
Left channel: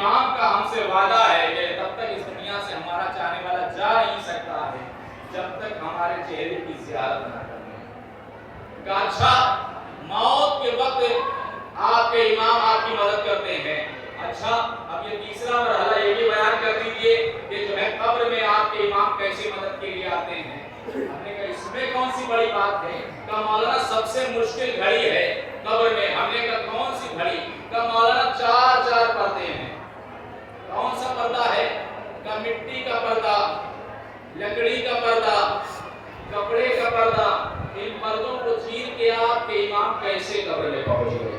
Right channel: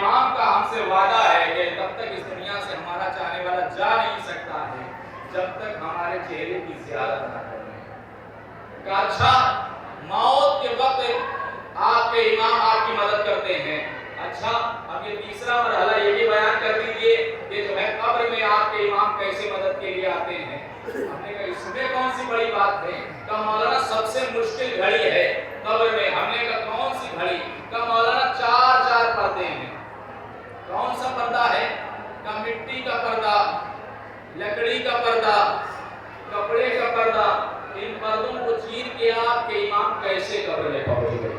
امام کا ہم سے وعدہ ہے کہ تب تک اس دنیا سے ہمارا چاہنے والا جا نہیں سکتا ہے جب تک ہمارے چہرے کی زیارت نہ کریں۔ کہا اچھا موت کے وقت آپ کے امام آپ کی مدد کرتے ہیں، اچھا اب یہ تیسرا مرحلہ یہ بھی بیان کر دیجئے کہ جو ہے قبر میں آپ کے امام کیسے مدد کے لیے آتے ہیں۔ ہم نے کہا اس میں کون سی بڑی بات ہے؟ کہا مولانا سب سے مشکل گھڑی ہے قبر میں۔ ہم نے کہا کون سی گھڑی؟ کہا مولانا چار پردے ہیں۔ کون سا پردہ ہے؟ کہا مٹی کا پردہ، لکڑی کا پردہ، کپڑے کا پردہ۔ ان پردوں کو چیر کے آپ کے امام کیسے قبر میں پہنچ گئے؟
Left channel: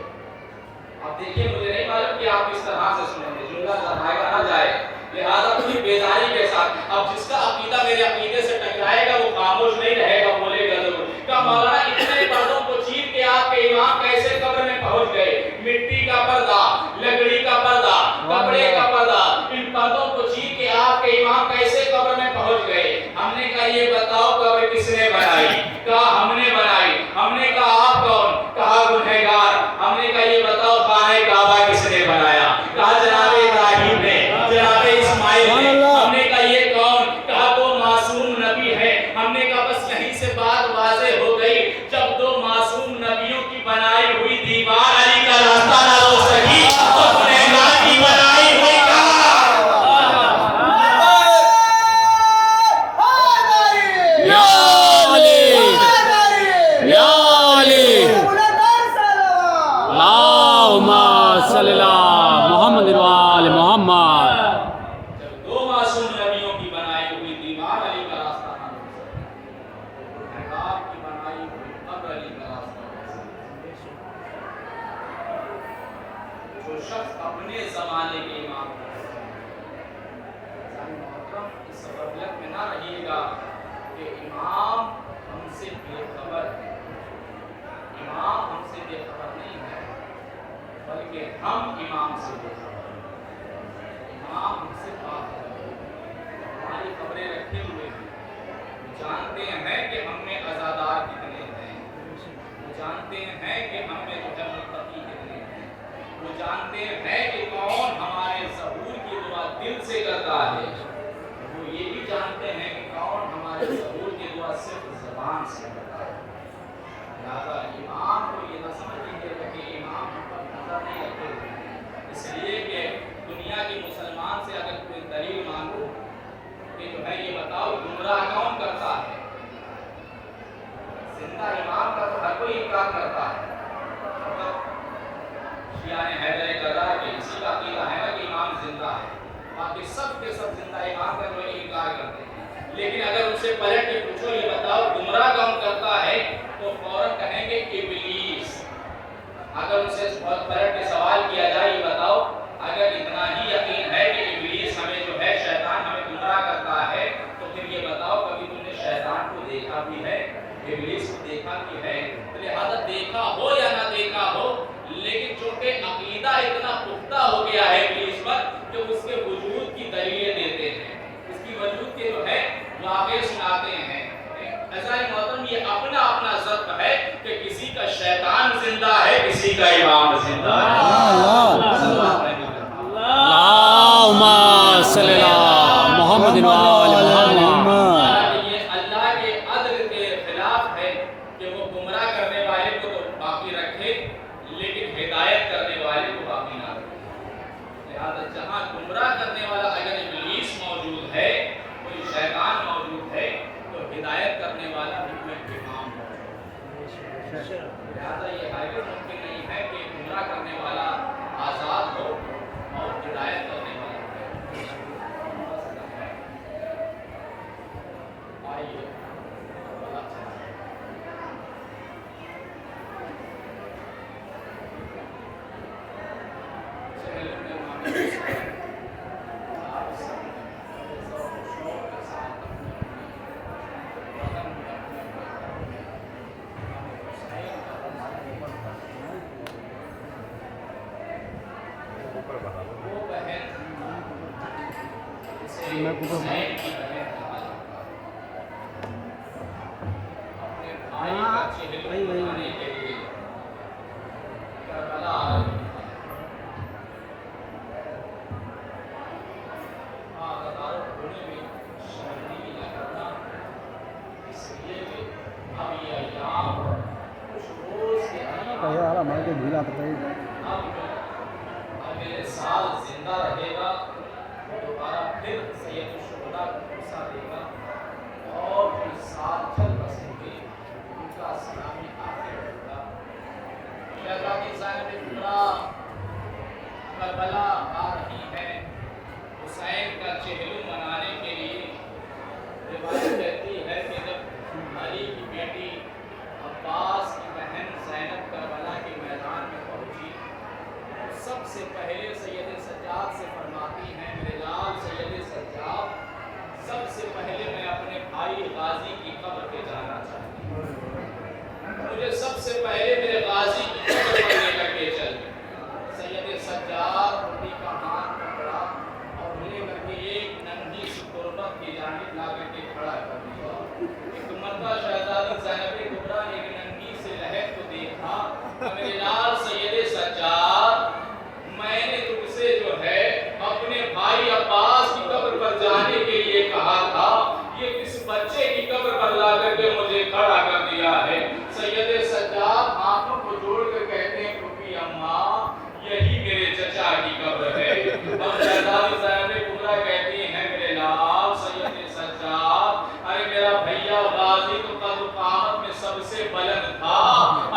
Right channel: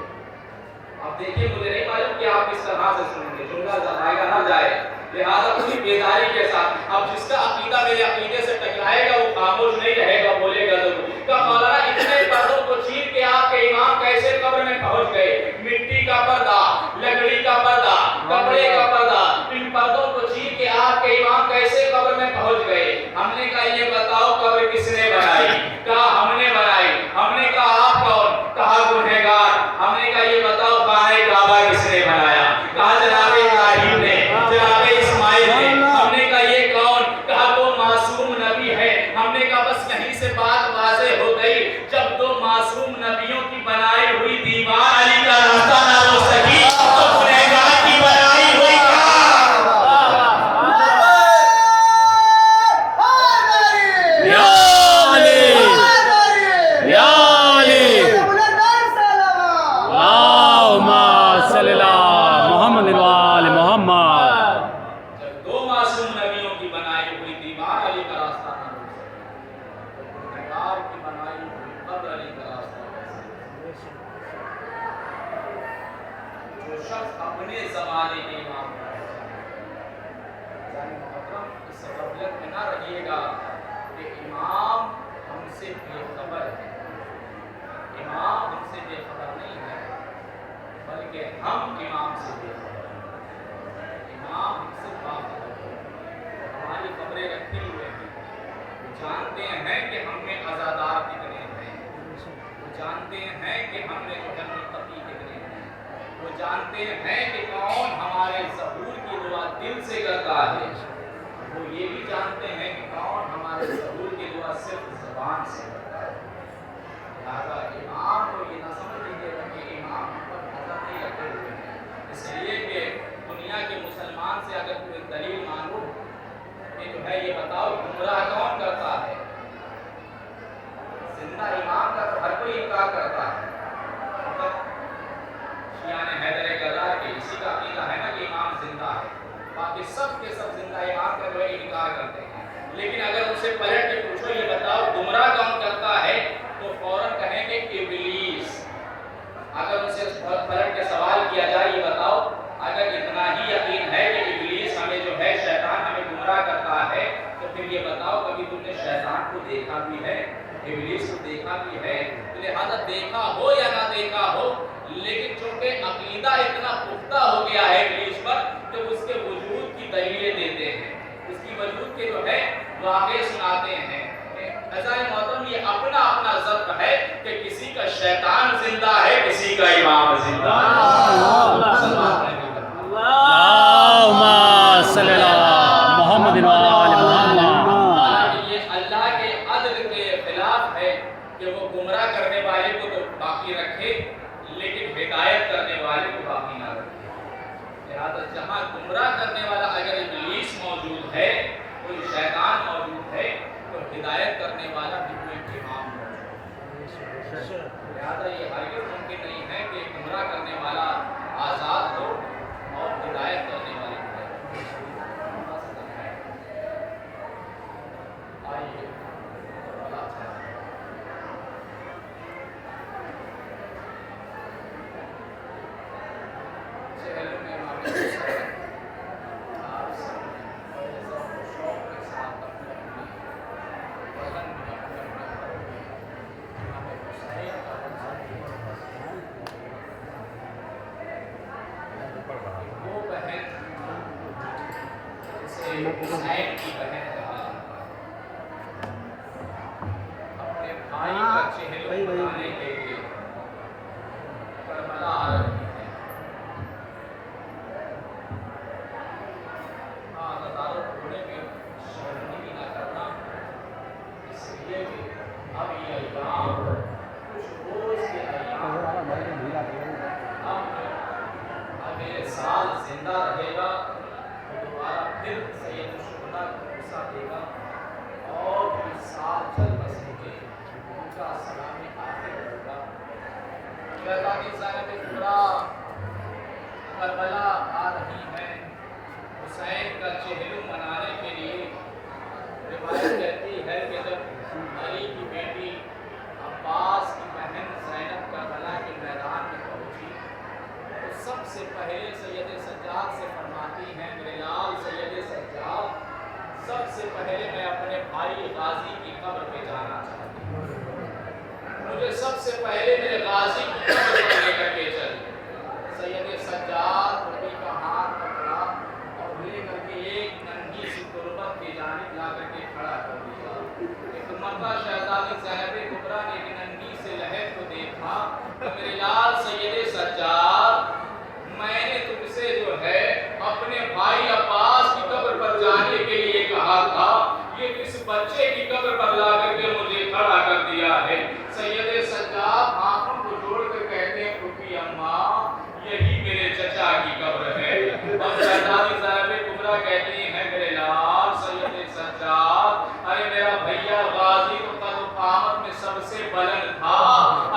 اب دیکھیے مجھے نہیں معلوم کہ آپ کس طرح سے سنیں گے، جملہ جائے گا نہ جائے، لہذا پوری بیداری کے ساتھ اب جس کا عقیدہ میرے عقیدے سے ٹکرائے گا وہ خاموش نہیں رہے گا، بولے گا ضرور۔ کہا مولانا اتنے پردوں کو چیر کے آپ کے امام کیسے قبر میں پہنچ گئے؟ مٹی کا پردہ، لکڑی کا پردہ، کپڑے کا پردہ، ان پردوں کو چیر کے آپ کے امام کیسے قبر میں پہنچ گئے؟ ہم نے کہا یہ بتاؤ قبر کس نے بنائی؟ کہا ہم نے بنائی۔ ہم نے کہا آپ کون؟ کہا گنہگار۔ ہم نے کہا یہ بتاؤ خانہ کعبہ کس نے بنایا؟ کہا جناب ابراہیم نے، جناب اسماعیل نے۔ ہم نے کہا یہ کون؟ کہا دو معصوم نبی ہیں۔ ہم نے کہا بس یہیں سے بات واضح ہو گئی، جب دو معصوم نبیوں کی بنائی ہوئی دیوار علی کا راستہ نہ ہو سکی تو گنہگار کی بنائی ہوئی صلی اللہ محمد وال محمد۔ جب دو معصوم نبیوں کی بنائی ہوئی دیوار علی کا راستہ نہ ہو سکے تو گنہگار کی بنائی ہوئی قبر علی کا راستہ ہو سکے۔ جو شخص اپنے زمانے کے امام کو پہچانے، محترم اس غفلت میں نہ رہیے گا کہ امام ہم سے بے خبر ہے۔ امام ہم سے بے خبر نہیں ہے بلکہ ہم امام سے بے خبر ہیں۔ امام ہم سے باخبر ہے، ہماری خبریں رکھے ہوئے ہیں، وہ جانتے ہیں کہ ہم میں عزادار کتنے ہیں، وہ جانتے ہیں کہ ہم میں جو ہے متقی کتنے ہیں، وہ جانتے ہیں کہ کون ہمارے ظہور کی دعا دل سے کرتا ہے، وہ یہ بھی جانتے ہیں کہ کون ہمارے ظہور کی دعا صرف زبان سے کرتا ہے۔ لہذا امام کو یہ نہ سمجھ لیجیے گا کہ امام ہم پر نظر نہیں رکھے ہوئے ہیں، اس لیے کہ دنیا کے مسلمان سے اگر کوئی دلیل مانگو کہ جو ہے یہ بتاؤ گمراہ کون کرتا ہے، زندہ امام کا تو ہر کوئی انکار کرتا ہے۔ شیعہ حیدر غدار کے اسی کا عقیدہ ہے نا کہ امام زندہ ہے، باقی سب کے سب زندہ امام کا جو ہے انکار کرتے ہیں، لیکن اگر ان سے پلٹ کے پوچھو یہ بتاؤ گمراہ کون کرتا ہے تو فوراً کہیں گے ابلیس۔ اگر ان سے پلٹ کے سوال کیا جائے یہ بتاؤ اگر اتنا ہی یقین ہے کہ ابلیس ہمیں جو ہے شیطان ہمیں گمراہ کرتا ہے تو پھر یہ بتاؤ کبھی تم نے شیطان کو دیکھا بھی ہے، ابلیس کو دیکھا بھی ہے؟ تو لہذا دیکھا ہو یا نہ دیکھا ہو لیکن چونکہ عقیدہ اتنا پختہ ہو گیا ہے ابلیس پر کہ اس کے وجود کی دلیلیں دیتے ہیں، اس کی وجود کے جو ہے واقعے سناتے ہیں۔ عزیز محترم یہ اپنا اپنا ضبط ہے کہ کسی کا شیطان زندہ ہے، کسی کا امام زندہ ہے۔ اللہم صلی اللہ محمد وال محمد۔ حالانکہ یہ اللہ کے عدل کے خلاف ہے کہ وہ گمراہ کرنے والے کو تو باقی رکھے لیکن ہدایت کرنے والے کو باقی نہ رکھے۔ لہذا جہاں گمراہ کرنے والا اگر ابلیس موجود ہے، کوئی شیطان موجود ہے تو ہدایت کرنے والا بھی کوئی امام موجود ہے۔ لہذا یہ ہرگز ممکن نہیں ہے کہ گمراہ کرنے والا آزاد ہو اور ہدایت کرنے والا ہے۔ آئیے چہلوں میں امام حسین آپ سب بڑے ذوق و شوق کے ساتھ اپنے اپنے وطن میں اپنے اپنے گھروں میں امام حسین کا وہ بہن جسے حسین کی بہن کہا جاتا ہے، اپنے بھائی کا چہلم بنانے کے لیے کربلا آ رہی ہے، اتنے سال زندہ رہے گا وہ دوبارہ پھر سید الشہداء کا قصہ دے گا اور بھی سال چل بسیں گے، ان کا سلامی آخر ہوگا۔ شہزادی زینب کبریٰ کربلا آ رہی ہیں حسین کا چہلم منانے کے لیے۔ روایت کہتی ہے کہ جب علی کی بیٹی عباس کی بہن زینب کربلا کے میدان میں پہنچی تو سب سے پہلے سید سجاد سے فرماتی ہیں، میرے لال سید سجاد، سب سے پہلے میں اپنے بھائی غازی کی قبر پہ جانا چاہتی ہوں، مجھے سب سے پہلے میرے غازی کی قبر پر لے کر کے چل۔ سید سجاد بیٹی کا ہاتھ پکڑا اور لے کر کے ایک ننھی سی تربت کی جانب لا کر کے کھڑا کر دیا۔ ایک مرتبہ شہزادی زینب کبریٰ نے ایک ننھی سے لہر کو دیکھا کہ میرے لال سید سجاد، میں نے تم سے جو ہے اپنے بھائی عباس کی قبر پر جانے کے لیے کہا تھا، یہ کس بچے کی قبر پر لا کر کے مجھے کھڑا کر دیا ہے؟ سید سجاد آنکھوں کو جوڑ کر کہتے ہیں، پھوپھی اماں، یہی میرے چچا کی قبر ہے۔ اور شہزادی زینب کبریٰ کہتی ہیں، میرے لال سید سجاد، ارے میرا بھیا غازی تو قد و قامت میں سب سے بلند تھا،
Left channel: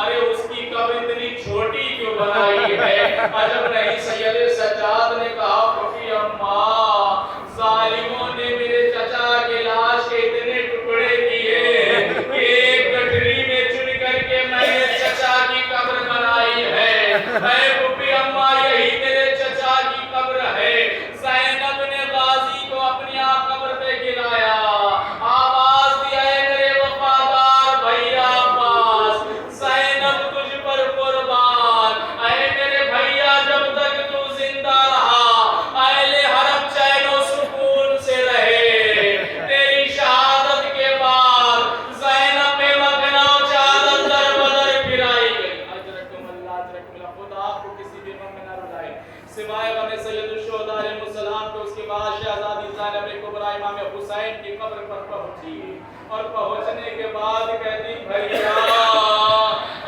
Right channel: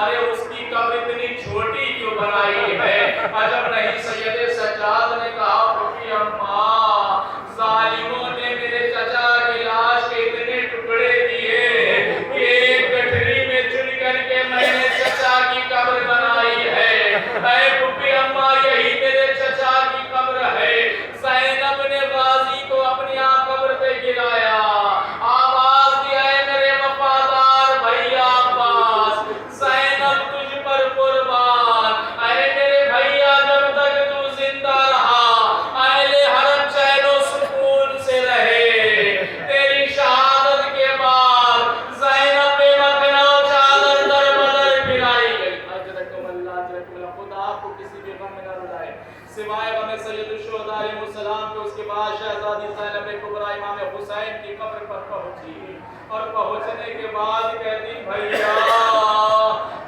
ارے اس کی قبر اتنی چھوٹی کیوں بنائی ہے؟ عجب نہیں۔ سید سجاد نے کہا، پھوپھی اماں، ظالموں نے میرے چچا کی لاش کے اتنے ٹکڑے کیے کہ ایک گٹھری میں چن کر کے میں نے چچا کی قبر بنائی ہے۔ اے پھوپھی اماں، یہی میرے چچا کی قبر ہے۔ زینب نے غازی کو اپنی قبر پہ گرایا، آواز دیا، اے میرے وفادار بھیا عباس، زینب تجھ پر قربان۔ اے میرے بھیا، جب تک تو زندہ رہا اہل حرم چین و سکون سے رہے، تیری شہادت کے بعد زینب بے مکنا چادر در بدر پھرائی گئی۔ اجرکم اللہ، اجرکم اللہ۔ خدا آپ کو کسی بھی غم میں نہ رلائے سوائے غم سید الشہداء علیہ السلام کے۔ اس کے بعد شہزادی زینب کبریٰ امام حسین کی قبر پر پہنچی اور پہنچنے کے بعد کہتی، بھیا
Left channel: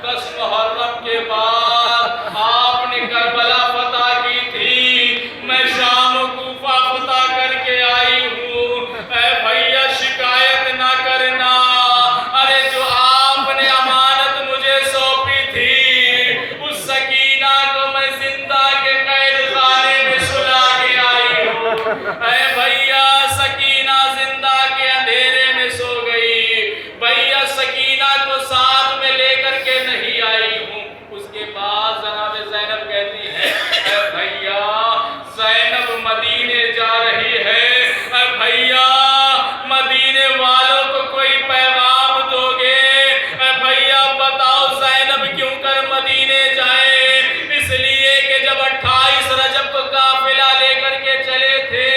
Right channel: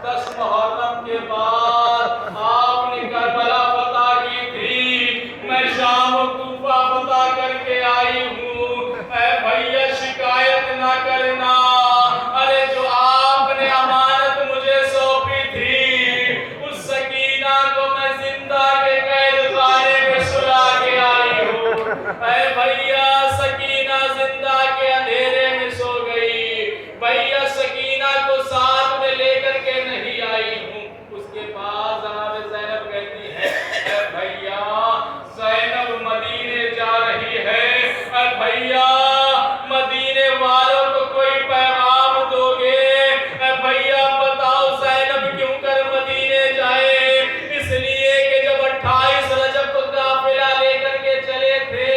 10 محرم کے بعد آپ نے کربلا فتح کی تھی، میں شام و کوفہ فتح کر کے آئی ہوں، اے بھیا شکایت نہ کرنا، ارے جو آپ نے امانت مجھے سونپی تھی اس سکینہ کو میں زندہ کے قید خانے میں سلا کے آئی ہوں۔ اے بھیا سکینہ زندہ کے اندھیرے میں سو گئی، بھیا سکینہ کو ساتھ میں لے کر کے نہیں آئی ہوں۔ اس کے بعد جناب زینب کہتی ہے، اے بھیا زینب مدینے جا رہی ہے، اے بھیا مدینے والوں کو کوئی پیغام دو گے؟ اے بھیا بتاؤ زینب کیوں کر مدینے جائے؟ اس لیے کہ جب 28 رجب کو قافلہ لے کر کے چلے تھے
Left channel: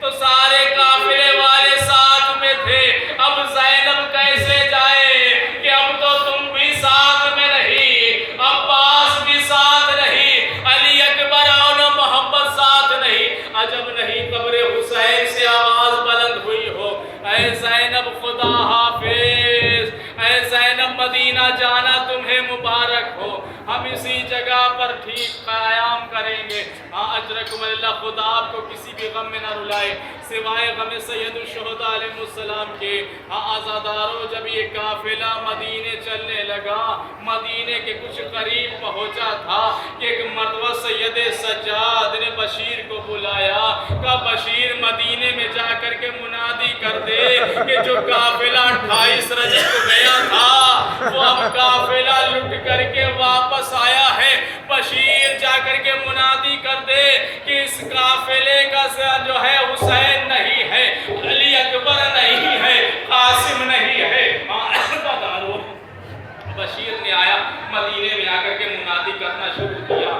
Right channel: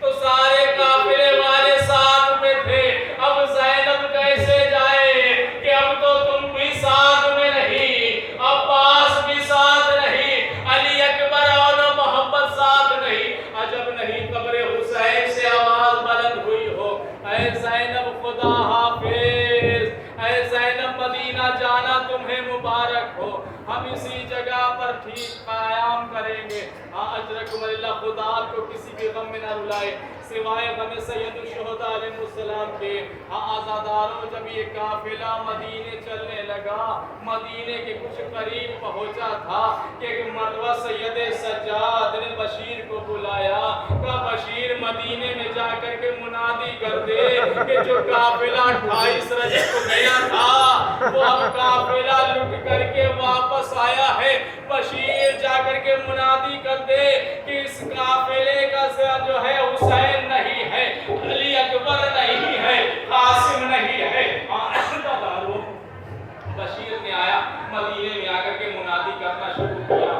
تو سارے قافلے والے ساتھ میں تھے، اب زینب کیسے جائے کہ اب تو تم بھی ساتھ میں نہیں، عباس بھی ساتھ نہیں، علی اکبر اور محمد ساتھ نہیں۔ عجب نہیں قبر حسین سے آواز بلند ہوئی ہو، اے زینب خدا حافظ، اے زینب مدینہ جانا تمہیں مبارک ہو، ہم اسی جگہ پر ٹھیک قیام کریں گے۔ ہاں اجرکم اللہ، خدا آپ کو کسی بھی غم میں نہ رلائے سوائے غم سید الشہداء علیہ السلام کے۔ ہاں آزاداروں، جب یہ قافلہ مدینے چلنے لگا، مدینے کے کچھ قریب پہنچا تھا کہ ایک مرتبہ سید سجاد نے بشیر کو بلایا، کہا بشیر مدینے میں جا کر کے منادی کر دے کہ جو قافلہ 28 رجب کو گیا تھا وہ اب قافلہ لٹ کر کے واپس آیا ہے۔ بشیر جا کر کے منادی کر دے کہ اس قافلے کا جو ہے حسین نہیں ہے، علی اکبر نہیں ہے، قاسم نہیں ہے۔ بشیر نے آیا، مدینے میں آ کر کے منادی کرنا شروع کیا۔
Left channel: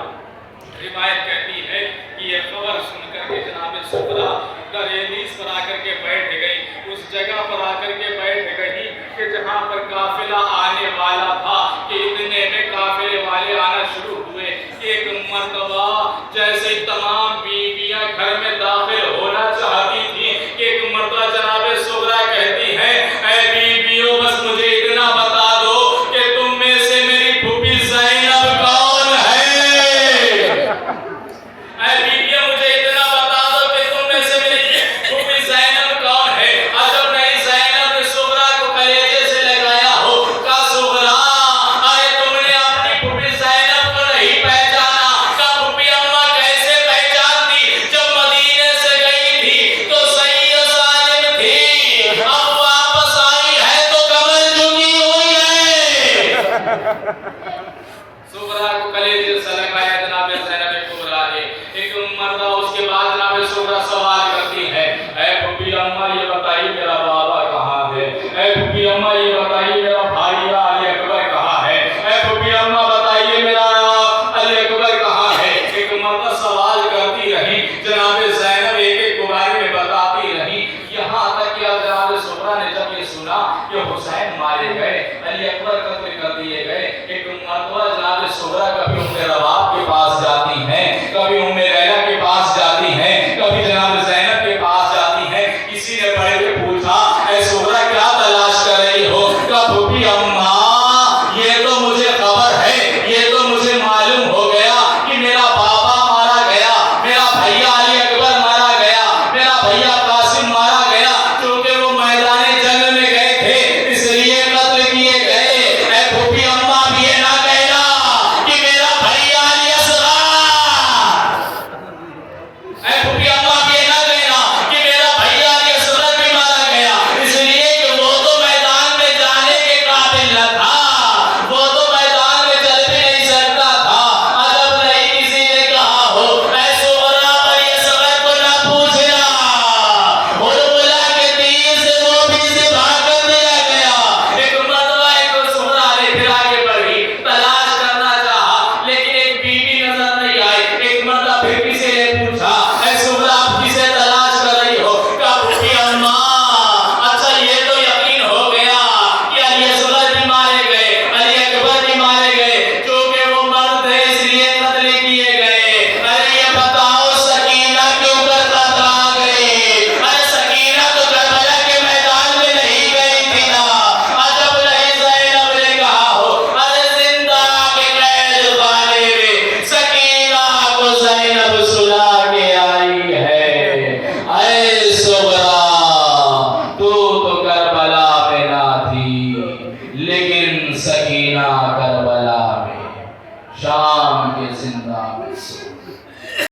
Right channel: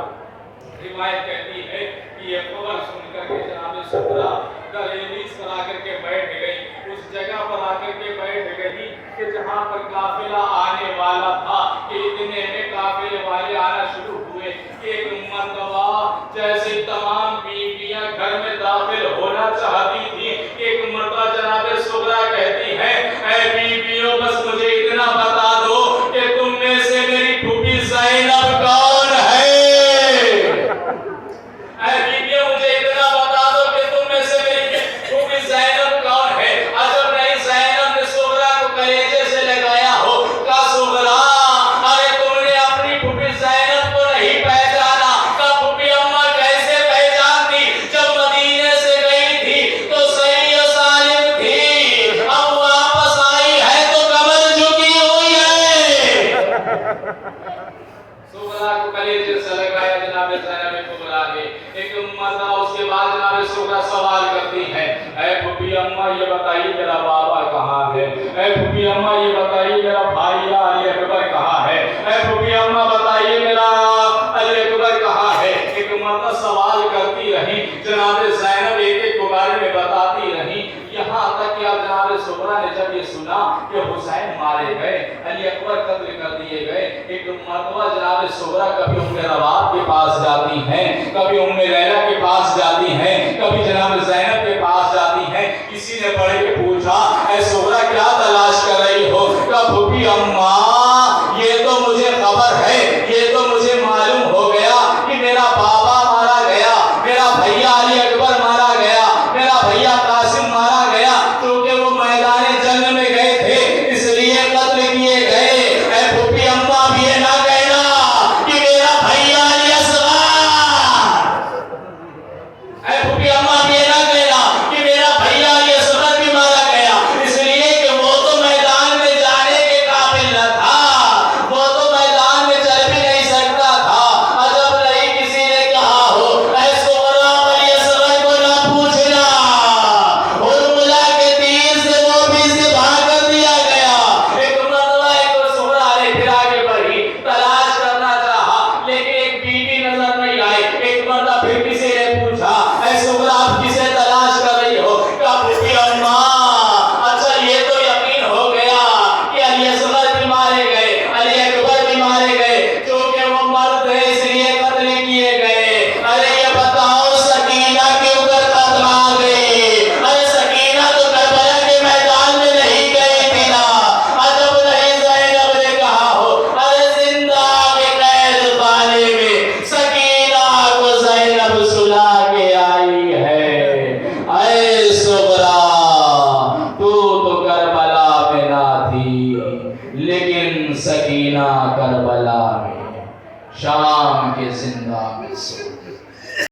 روایت کہتی ہے کہ یہ خبر سن کر کے جناب سغرا دریلیز پر آ کر کے بیٹھ گئی، اس جگہ پر آ کر کے بیٹھ گئی کہ جہاں پر قافلہ آنے والا تھا کہ اتنے میں قافلے والے آنا شروع ہوئے کہ ایک مرتبہ جیسے تمام بیویاں گھر میں داخل ہونا چاہتی تھی کہ ایک مرتبہ جناب سغرا کہتی ہے، اے بیویوں بس مجھے اتنا بتا دو کہ تم میں سے میری پھوپھی زینب کون ہے؟ ایک مرتبہ اس کے بعد جناب سغرا سوال کرتی ہے، اے پھوپھی اماں یہ بتائیے میرا بابا کہاں ہے؟ اے پھوپھی اماں یہ بتائیے میرا بھائی علی اکبر کہاں ہے؟ اے پھوپھی اماں بتائیے میرا علی اکبر کہاں ہے؟ ایک مرتبہ سوال کرتی رہی، جناب زینب ایک ایک کے بارے میں بتاتی رہی، یہاں تک کہ جناب سغرا نے جب یہ سنا کہ حسین مارے گئے، علی اکبر قتل کر دیے گئے، ایک مرتبہ جناب سغرا کبھی ام رباب کے پاس جاتی ہیں، کبھی ام لیلہ کے پاس جاتی ہیں، کبھی جناب زینب کے پاس جاتی ہیں، کسی نے پڑھ کے پوچھا اے سغرا کیا تلاش کر رہی ہو؟ کہا پھوپھی اماں یہ تو مجھے خبر ہے، یہ تو مجھے معلوم ہو گیا کہ میرا بابا مارا گیا، میرا بھیا علی اکبر مارا گیا، میرا بھیا قاسم مارا گیا، کیونکہ وہ میدان جنگ میں گئے تھے اس لیے قتل کیے گئے۔ اے پھوپھی اماں بھی یہ نہ کہنا کہ میرا بھیا علی اصغر، اے